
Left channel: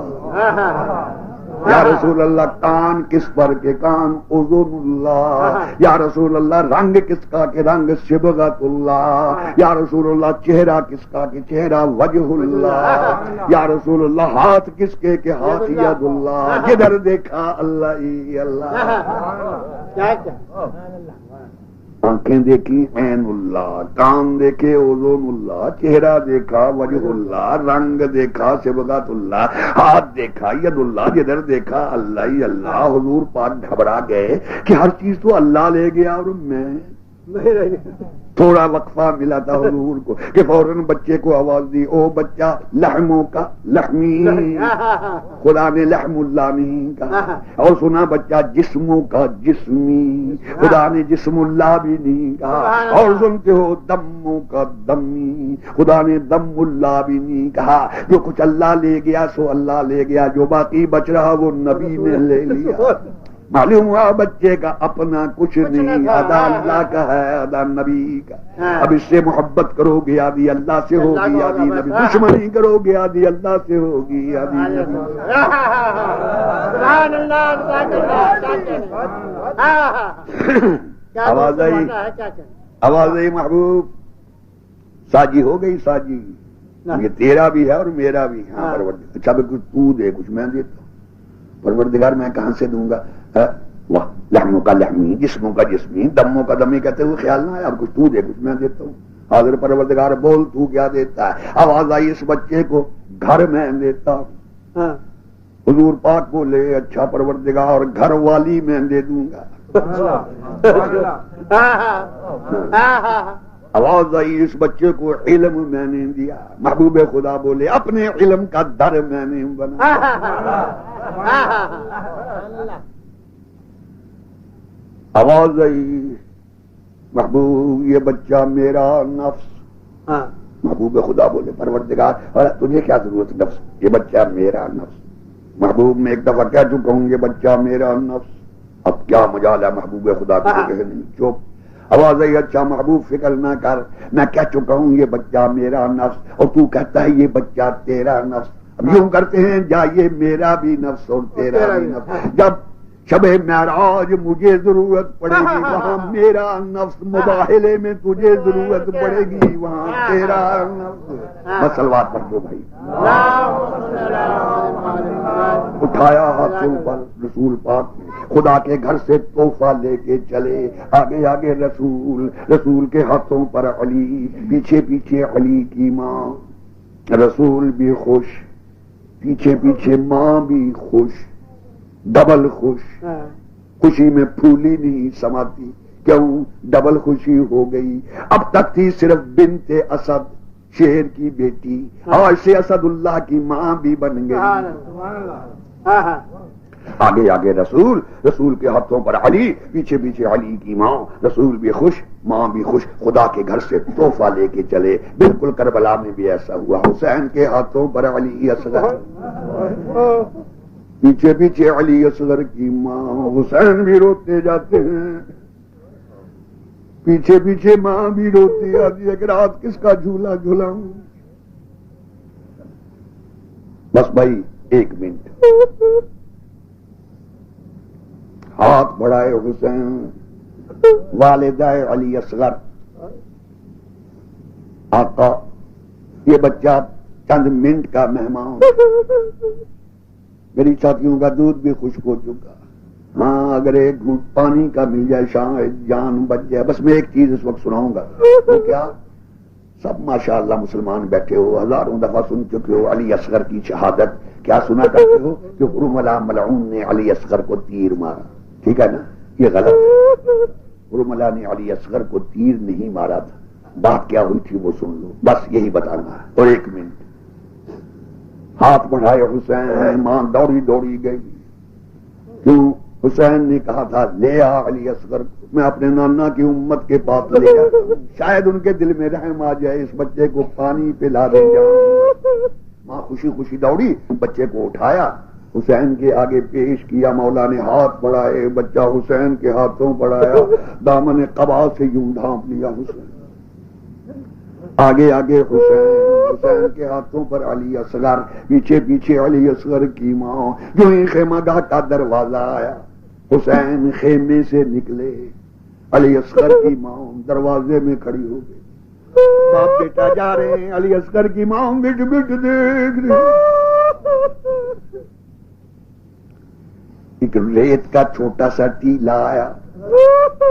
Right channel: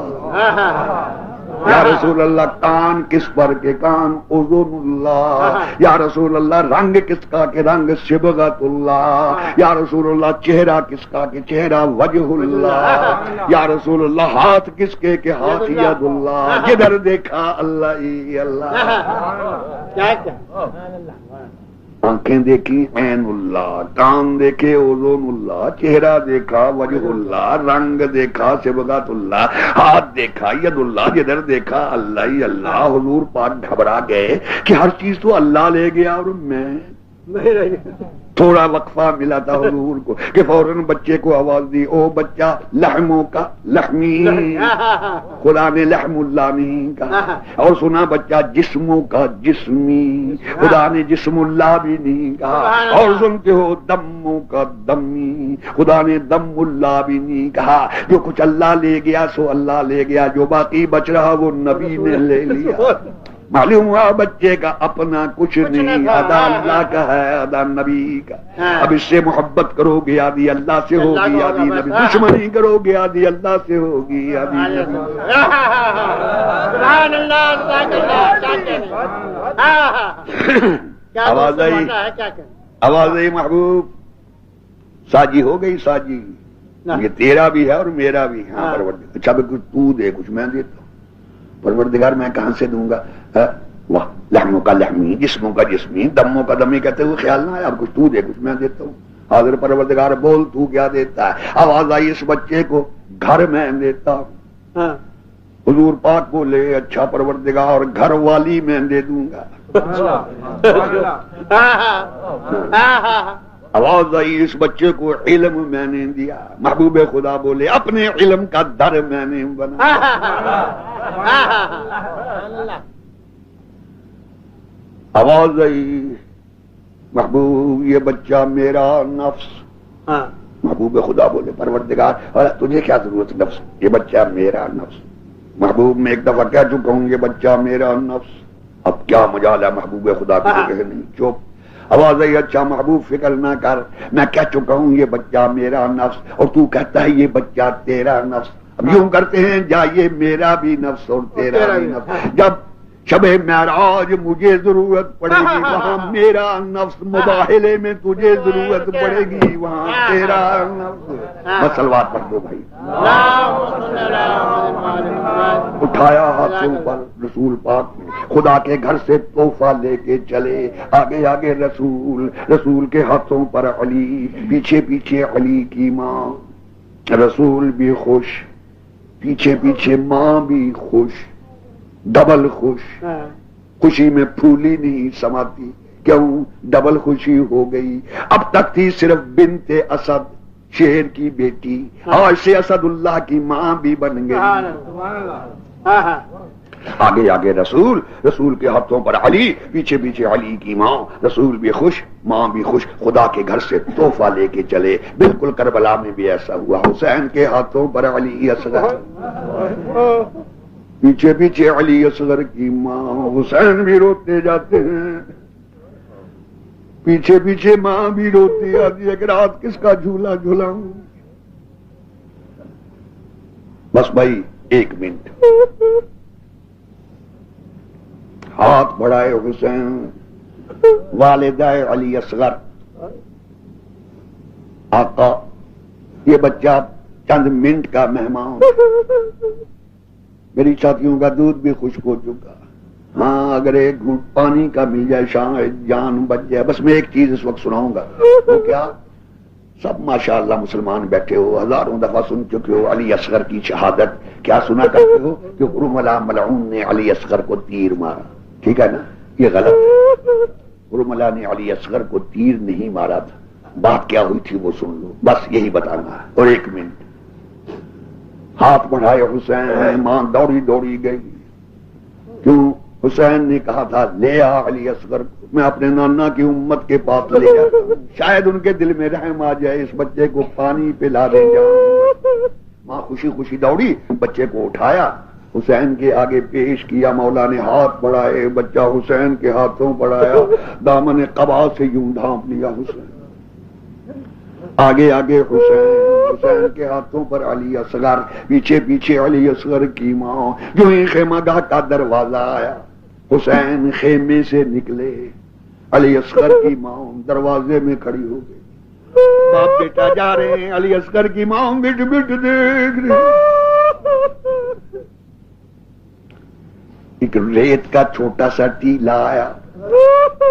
یا رسول اللہ کان کس پر؟ کے کان اذن اللہ. یا رسول اللہ رنگ کس کا؟ کہ رنگ صبغت اللہ. یا رسول اللہ چہرہ کس کا؟ کہ چہرہ وجہ اللہ. یا رسول اللہ ہاتھ کس کے؟ کہ ہاتھ ید اللہ. جدھر دیکھا اللہ ہی اللہ. آنکھیں دیکھی عین اللہ، کان دیکھے اذن اللہ، چہرہ دیکھا وجہ اللہ، رنگ دیکھا صبغت اللہ، ہاتھ دیکھا ید اللہ، جدھر دیکھا اللہ ہی اللہ. حضور پاک گھبرا گئے کہ ہر چیز تو اللہ لے گیا اور میں تھوڑا وقفہ ملا تھا حضور کو کہ فوراً بچے کو آواز دی، او بچہ لحموں کا لحمی، خدا نے لحم اللہ نہیں کہا، اور سنا بچہ جسموں کا جسمی، خدا نے جسم اللہ بھی نہیں کہا، اور سنتے ہو دموں کا دمی، خدا نے دم اللہ بھی نہیں کہا۔ جو کچھ اللہ لے گیا سو اللہ لے گیا، جو باقی بچ رہا وہ نبی نے لے لیا۔ معلوم ہوا بچے کا اپنا کچھ نہیں، ادا اللہ کا ہے، ادا نبی کا۔ اب اس سے محبت کرو گے آدھی اللہ سے ہوگی، آدھی نبی، دشمنی کرو گے آدھی اللہ سے ہوگی، آدھی نبی۔ سبحان اللہ، آواز آئی، آواز آئی محبوب، ساجی ہو گئی ساجی، یہ تیرا بھی ہے اور میرا بھی۔ ہاں پروردگار، اچھا کچھ تو دے، کچھ میں دیتا ہوں۔ پروردگار میں کہاں سے دوں گا؟ واہ، لحموں کا لحمی، جسموں کا جسمی، دموں کا دمی کہتے ہوئے خیال نہ آیا، اب کچھ تو دے کچھ میں دیتا ہوں۔ حاضر پروردگار بول تو کیا دیتا ہے؟ آواز آئی اس بچے کو گھر میں دیتا ہوں۔ حضور پاک بولے اچھا پروردگار گھر والی میں دے دوں گا۔ آواز آئی اس بچے کو علم میں نے دیا، محبوب خدا بولے اپنے علم کا در میں نے بنا۔ آواز آئی محبوب یہ بچہ میرا نفس، محبوب خدا بولے پروردگار تجھے کیا ضرورت نفس، یہ بچہ میرا نفس۔ محبوب میں ایک دفعہ کہہ چکا ہوں یہ بچہ میرا نفس، اب کیا مجال ہے محبوب خدا کو کہ نہیں چپ۔ آواز آئی اچھا محبوب فکر نہ کر، میں کہہ چکا ہوں یہ بچہ میرا نفس، اور تو کہتا ہے یہ بچہ تیرا نفس۔ اب یوں کرتے ہیں جا یہ میرا بھی نفس اور تیرا بھی نفس، جب شب معراج مجھے ضرورت پڑے گی وہاں میرا نفس، مباہلے میں تجھے ضرورت پڑے گی وہاں تیرا نفس۔ مسلوات پڑھ دو بھائی، اٹھایا ہاتھوں پر رسول پاک خدا کے گھر سے تحفہ لے کے چلے، آگے آگے رسول، رسول کے ہاتھوں پر علی، پیچھے پیچھے علی کی ماں، رسول بھی خوش، پیچھے پیچھے ماں بھی خوش، ڈبل خوش، خوشی میں پھولی نہیں سماتی، کیوں ڈبل خوشی ہو گئی۔ اب تک تھی صرف بنت اسد، شیر کی بیٹی، آج سے اسد اللہ کی ماں بھی بن گئی۔ آگے آگے رسول، رسول کے ہاتھوں پر علی، پیچھے پیچھے علی کی ماں، رسول بھی خوش ماں بھی خوش، خدا کے گھر سے تحفہ لے کے چلے۔ بالکل کربلا میں بھی ایسا ہوا، حسین کے ہاتھوں پر علی اصغر، پیچھے پیچھے علی اصغر کی ماں، حسین بھی روتے جاتے ہیں، پیچھے پیچھے ماں بھی روتی آتی ہے کہ رات کس کا جھولا جھولاؤں۔ بس بھائی ایک منٹ، ہاتھ بڑھائے حسین، والدہ علی اصغر، آقا یہ بچہ چند منٹ کا مہمان، میری چھاتیوں کا دودھ بھی خشک ہو چکا، ہاں اگر ایک گھونٹ پانی کا مل جائے شاید جان بچ جائے۔ بس میں ایک چیز اس وقت سناؤں گا، وہ کیا؟ سب ماشاءاللہ مسلمان بیٹھے ہو، ہزاروں دفعہ سن چکے ہو علی اصغر کی شہادت، کیا سنا کرتے ہو کہ حرملہ ملعون نے علی اصغر کو تیر مارا، ٹھیک ہے نا؟ یہ غلط ہے، حرملہ نے علی اصغر کو تیر نہیں مارا تھا، بات کیا ہوئی تھی وہ سن لو، بس یہی بتانا ہے۔ اور ایک منٹ، ہاتھ بڑھائے حسین، ماں دوڑی دوڑی گئی، کیوں؟ حسین نے کہا تھا لے آ علی اصغر کو، میں اپنے نانا کی امت کے پاس لے جاتا ہوں، شاید ان کے دل میں رحم آ جائے، اس بچے کو پانی پلا دے جاؤں۔ ماں خوشی خوشی دوڑی، بچے کو اٹھایا، حسین کے آگے پیش کیا، مولا نے ہاتھ بڑھائے، بچہ حسین کے ہاتھوں بڑھایا، دامن قبا سے یوں ڈھانپ لیا حسین، آگے آگے حسین، حسین کے ہاتھوں پر علی اصغر، پیچھے پیچھے علی اصغر کی ماں۔ جو ہی خیمہ گاہ کا دروازہ آیا، حسین خیمے سے نکلے، علی اصغر کی ماں دروازے میں کھڑی ہو گئی، باپ بیٹا جا رہے ہیں، علی اصغر کی ماں بٹ بٹ دیکھ رہی، ایک ریت کا چھوٹا سا ٹیلا آیا،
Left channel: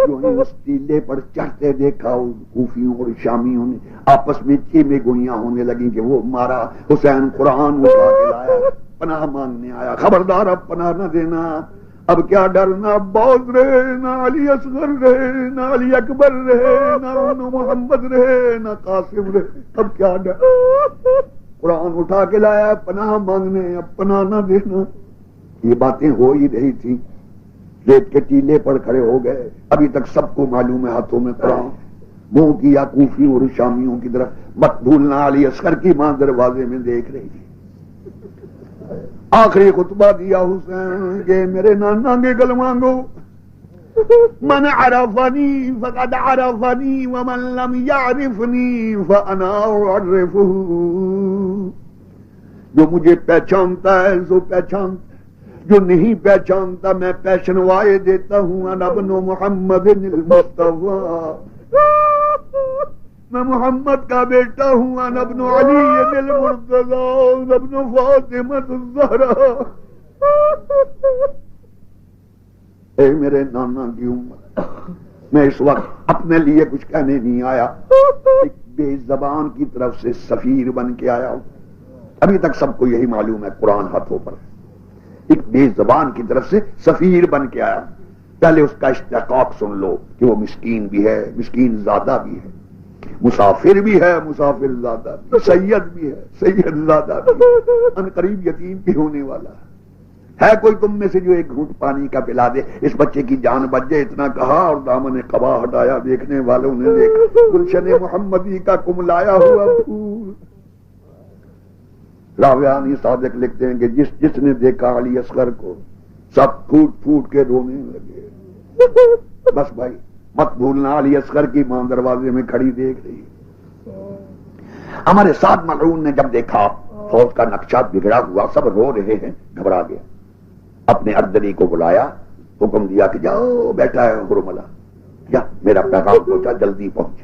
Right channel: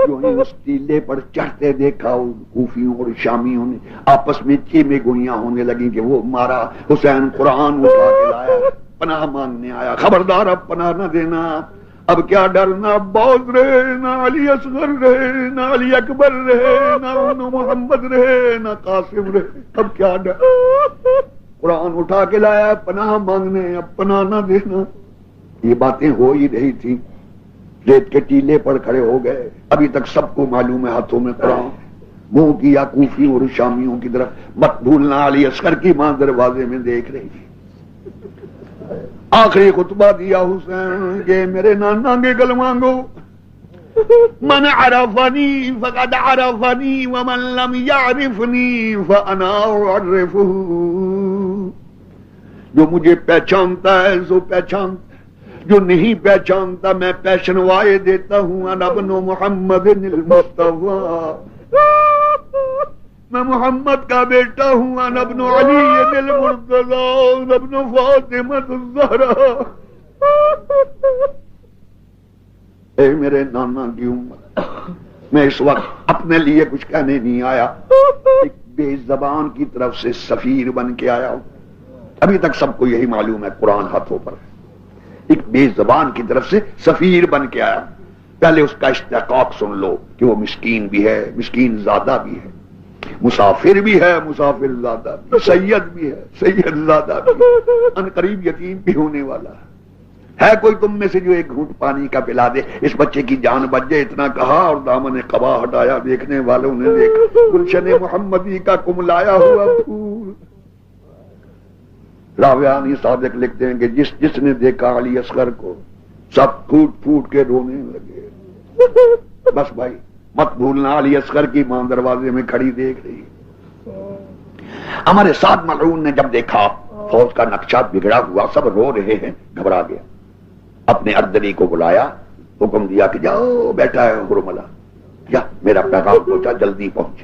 جو ہی اس ٹیلے پر چڑھتے دیکھا، کوفیوں اور شامیوں نے آپس میں چیمے گوئیاں ہونے لگی کہ وہ مارا۔ حسین قرآن اٹھا کے لایا، پناہ مانگنے آیا، خبردار اب پناہ نہ دینا، اب کیا ڈر، نہ عباس رہے، نہ علی اصغر رہے، نہ علی اکبر رہے، نہ محمد رہے، نہ قاسم رہے، اب کیا ڈر؟ قرآن اٹھا کے لایا پناہ مانگنے، اب پناہ نہ دینا۔ یہ باتیں ہو ہی رہی تھی، ریت کے ٹیلے پر کھڑے ہو گئے۔ ابھی تک سب کو معلوم ہے ہاتھوں میں قرآن، منہ کیا کوفیوں اور شامیوں کی طرف۔ مت بھولنا علی اصغر کی ماں دروازے میں دیکھ رہی تھی۔ آخری خطبہ دیا حسین کہ میرے نانا کے گلوانگو، من عرفنی فقد عرفنی ومن لم یعرفنی فانا اعرفہ، جو مجھے پہچانتا ہے سو پہچانتا، جو نہیں پہچانتا میں پہچنوائے دیتا ہوں۔ انا ابن محمد المصطفیٰ، میں محمد کا بیٹا ہوں۔ انا ابن علی المرتضی ابن فاطمہ الزہرا۔ اے میرے نانا کی امت، میں اس وقت اپنے لیے کچھ کہنے نہیں آیا، ایک بے زبان کی طرف سے سفیر بن کے آیا ہوں۔ ابھی تک سب کو یہی معلوم ہے قرآن ہاتھوں پر ہے، ایک بے زبان کی طرف سے سفیر بن کے آیا۔ پہلے اس کا استحقاق سن لو کہ وہ مسکین بھی ہے، مسکین زادہ بھی ہے، مسافر بھی ہے، مسافر زادہ بھی، سید بھی ہے، سید زادہ بھی، ان قریب یتیم بھی ہونے والا ہے۔ کوئی تم میں سے جو ایک گھونٹ پانی کا پلا دے، اس بچے کی جان بچ جائے، اتنا کہا اور دامن قبا ہٹایا۔ دیکھنے والوں نے دیکھا گلشن محمدی کا کملایا ہوا پھول۔ راویانی صادق لکھتے ہیں کہ جس نے دیکھا علی اصغر کو سب پھوٹ پھوٹ کے رونے لگے۔ بس بھائی مت بھولنا علی اصغر کی ماں دروازے میں کھڑی دیکھ رہی۔ ہمارے ساتھ ملعون نے جب دیکھا فوج کا نقشہ بگڑا ہوا، سب رو رہے ہیں، گھبرا گیا، اپنے اردلی کو بلایا، حکم دیا کہ جاؤ بیٹا ہے ہرملہ، جا میرا پیغام پہنچا، جلدی پہنچ۔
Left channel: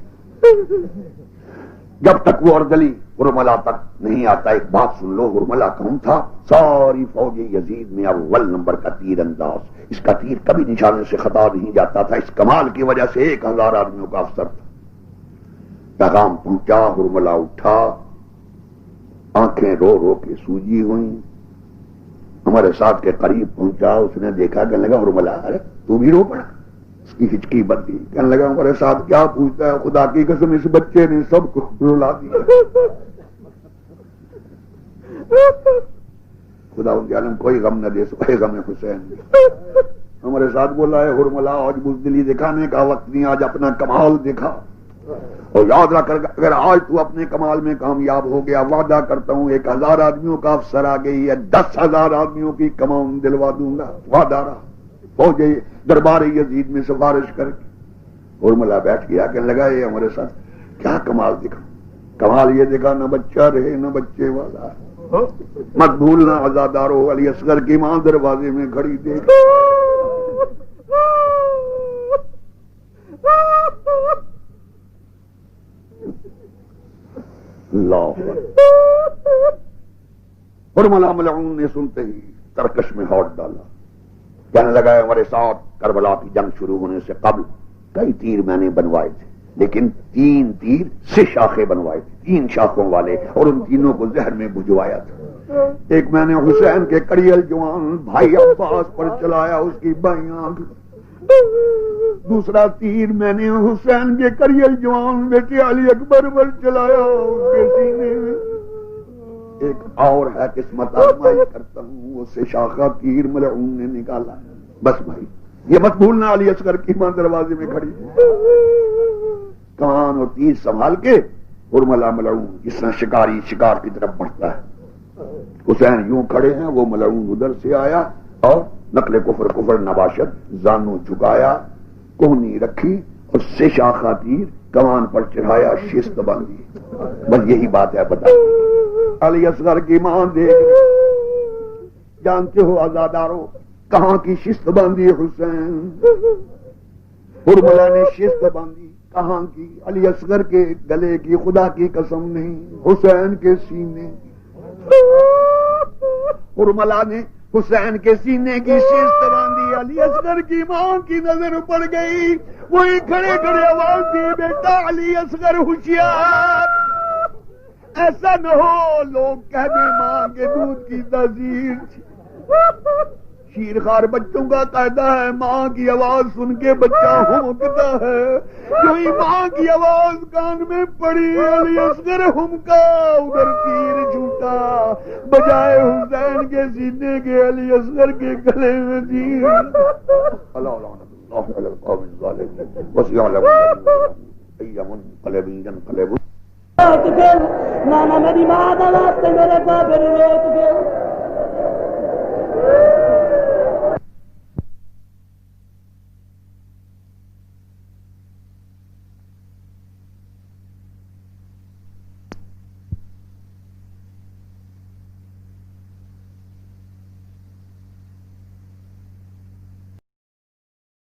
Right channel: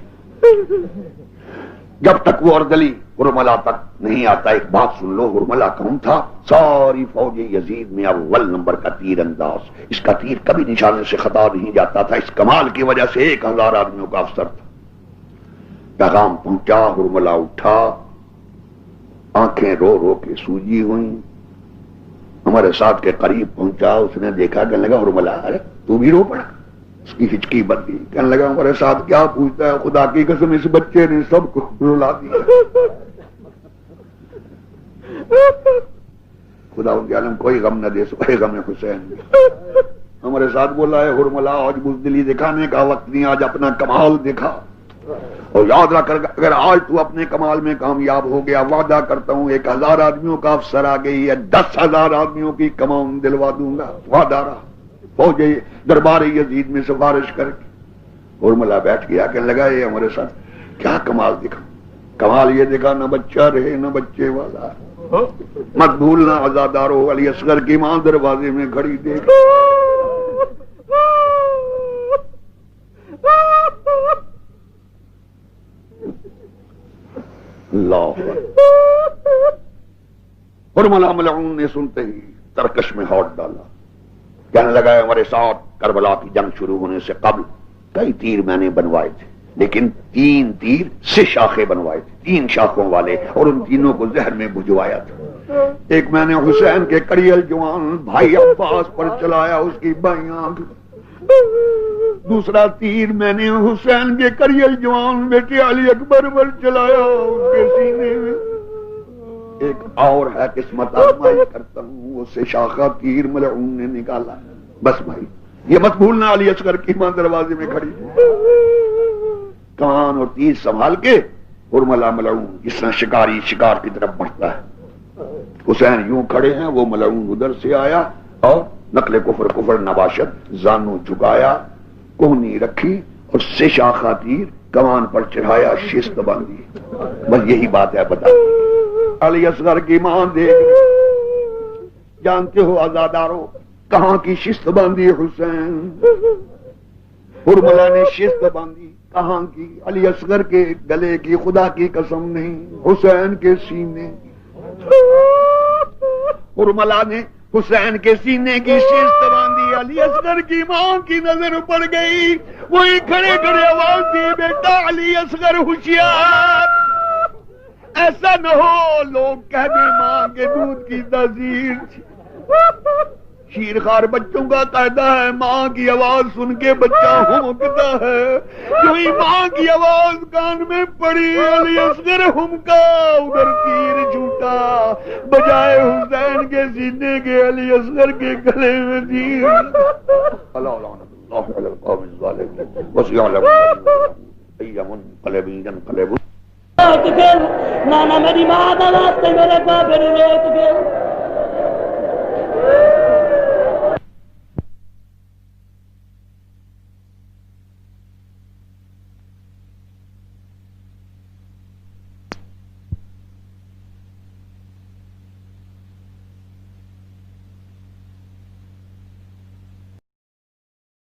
جب تک وہ اردلی ہرملہ تک نہیں آتا، ایک بات سن لو، ہرملہ کون تھا؟ ساری فوج یزید میں اول نمبر کا تیر انداز، اس کا تیر کبھی نشانے سے خطا نہیں جاتا تھا، اس کمال کی وجہ سے 1000 آدمیوں کا افسر تھا۔ پیغام پہنچا، ہرملہ اٹھا، آنکھیں رو رو کے سوجی ہوئیں، ہمارے ساتھ کے قریب پہنچا، اس نے دیکھا، کہنے لگا ہرملہ ارے تو بھی رو پڑا؟ اس کی ہچکی بن گئی، کہنے لگا ہمارے ساتھ کیا پوچھتا ہے، خدا کی قسم اس بچے نے سب کو رلا دیا۔ خدا ان کے عالم کوئی غم نہ دے سکے غم حسین۔ ہمارے ساتھ بولا ہے ہرملہ آج بزدلی دکھانے کا وقت نہیں، آج اپنا کمال دکھا، اور یاد رکھ کر اگر آج تو اپنے کمال میں کامیاب ہو گیا، وعدہ کرتا ہوں 1000 آدمیوں کا افسر آ گئی ہے، 10,000 آدمیوں کی کمان دلوا دوں گا، وعدہ رہا۔ فوج دربار یزید میں سفارش کر کے ہرملہ بیٹھ گیا، کہنے لگا یہ ہمارے ساتھ کیا کمال دکھا؟ کمال یہ دکھا نہ بچہ رہے نہ بچے والا، مت بھولنا عزادارو علی اصغر کی ماں دروازے میں کھڑی دیکھ۔ اللہ ہرملہ ملعون نے سنتے ہی ترکش میں ہاتھ ڈالا، کہنے لگا ہمارے ساتھ کربلا کی جنگ شروع ہونے سے قبل کئی تیر میں نے بنوائے تھے، لیکن 3 تیر سے شاخیں بنوائے تھے، 3 شاخوں والے، اور ان تینوں کو زہر میں بھجوایا تھا۔ ایک میں نے حسین کے کڑیل جوان بھائی عباس پر چلایا، اس کی بائیں آنکھ، دوسرا تیر میں نے حسین کے کڑیل جوان بیٹے علی اکبر پر چلایا، اس کے سینے میں۔ ایک اور ہے قسمت آزمائی کرتا ہوں، اس سے شاخہ تیر ملعون نے نکالا۔ بس بھائی یہ مت بھولنا علی اصغر کی ماں دروازے میں کھڑی، کان اور تیر سنبھال کے ہرملہ ملعون جس طرح شکاری شکار کی طرف بڑھتا ہے، حسین یوں کھڑے ہیں، وہ ملعون ادھر سے آیا اور نقل کفر نباشت، زانو جھکایا، کوہنی رکھی اور سے شاخہ تیر کمان پر چڑھایا، شست باندھی۔ بس یہی بات ہے، بتا علی اصغر کی ماں دیکھ، جانتے ہو عزادارو کہاں کی شست باندھی حسین؟ ہرملہ نے شست باندھی، کہاں کی؟ علی اصغر کے گلے کی، خدا کی قسم نہیں، حسین کے سینے۔ ہرملہ نے حسین کے سینے کی شست باندھی، علی اصغر کی ماں کی نظر پڑ گئی، وہی کھڑے کھڑے آواز دی، بیٹا علی اصغر ہوشیار، ایسا نہ ہو لوگ کہہ دیں ماں کے دودھ کی تاثیر۔ شیرخوار بچوں کا قاعدہ ہے، ماں کی آواز سن کے بچہ ہمکتا ہے، جو ہی ماں کی آواز کان میں پڑی علی اصغر ہمکا، ادھر تیر چھوٹا، بجائے حسین کے سینے کے علی اصغر کے گلے میں تیر۔ اللہ لعنت اللہ علی القوم الظالمین وسیعلم ای منقلب ینقلب۔ نانا میری ماں کا واسطے میرے پاپے نے نیک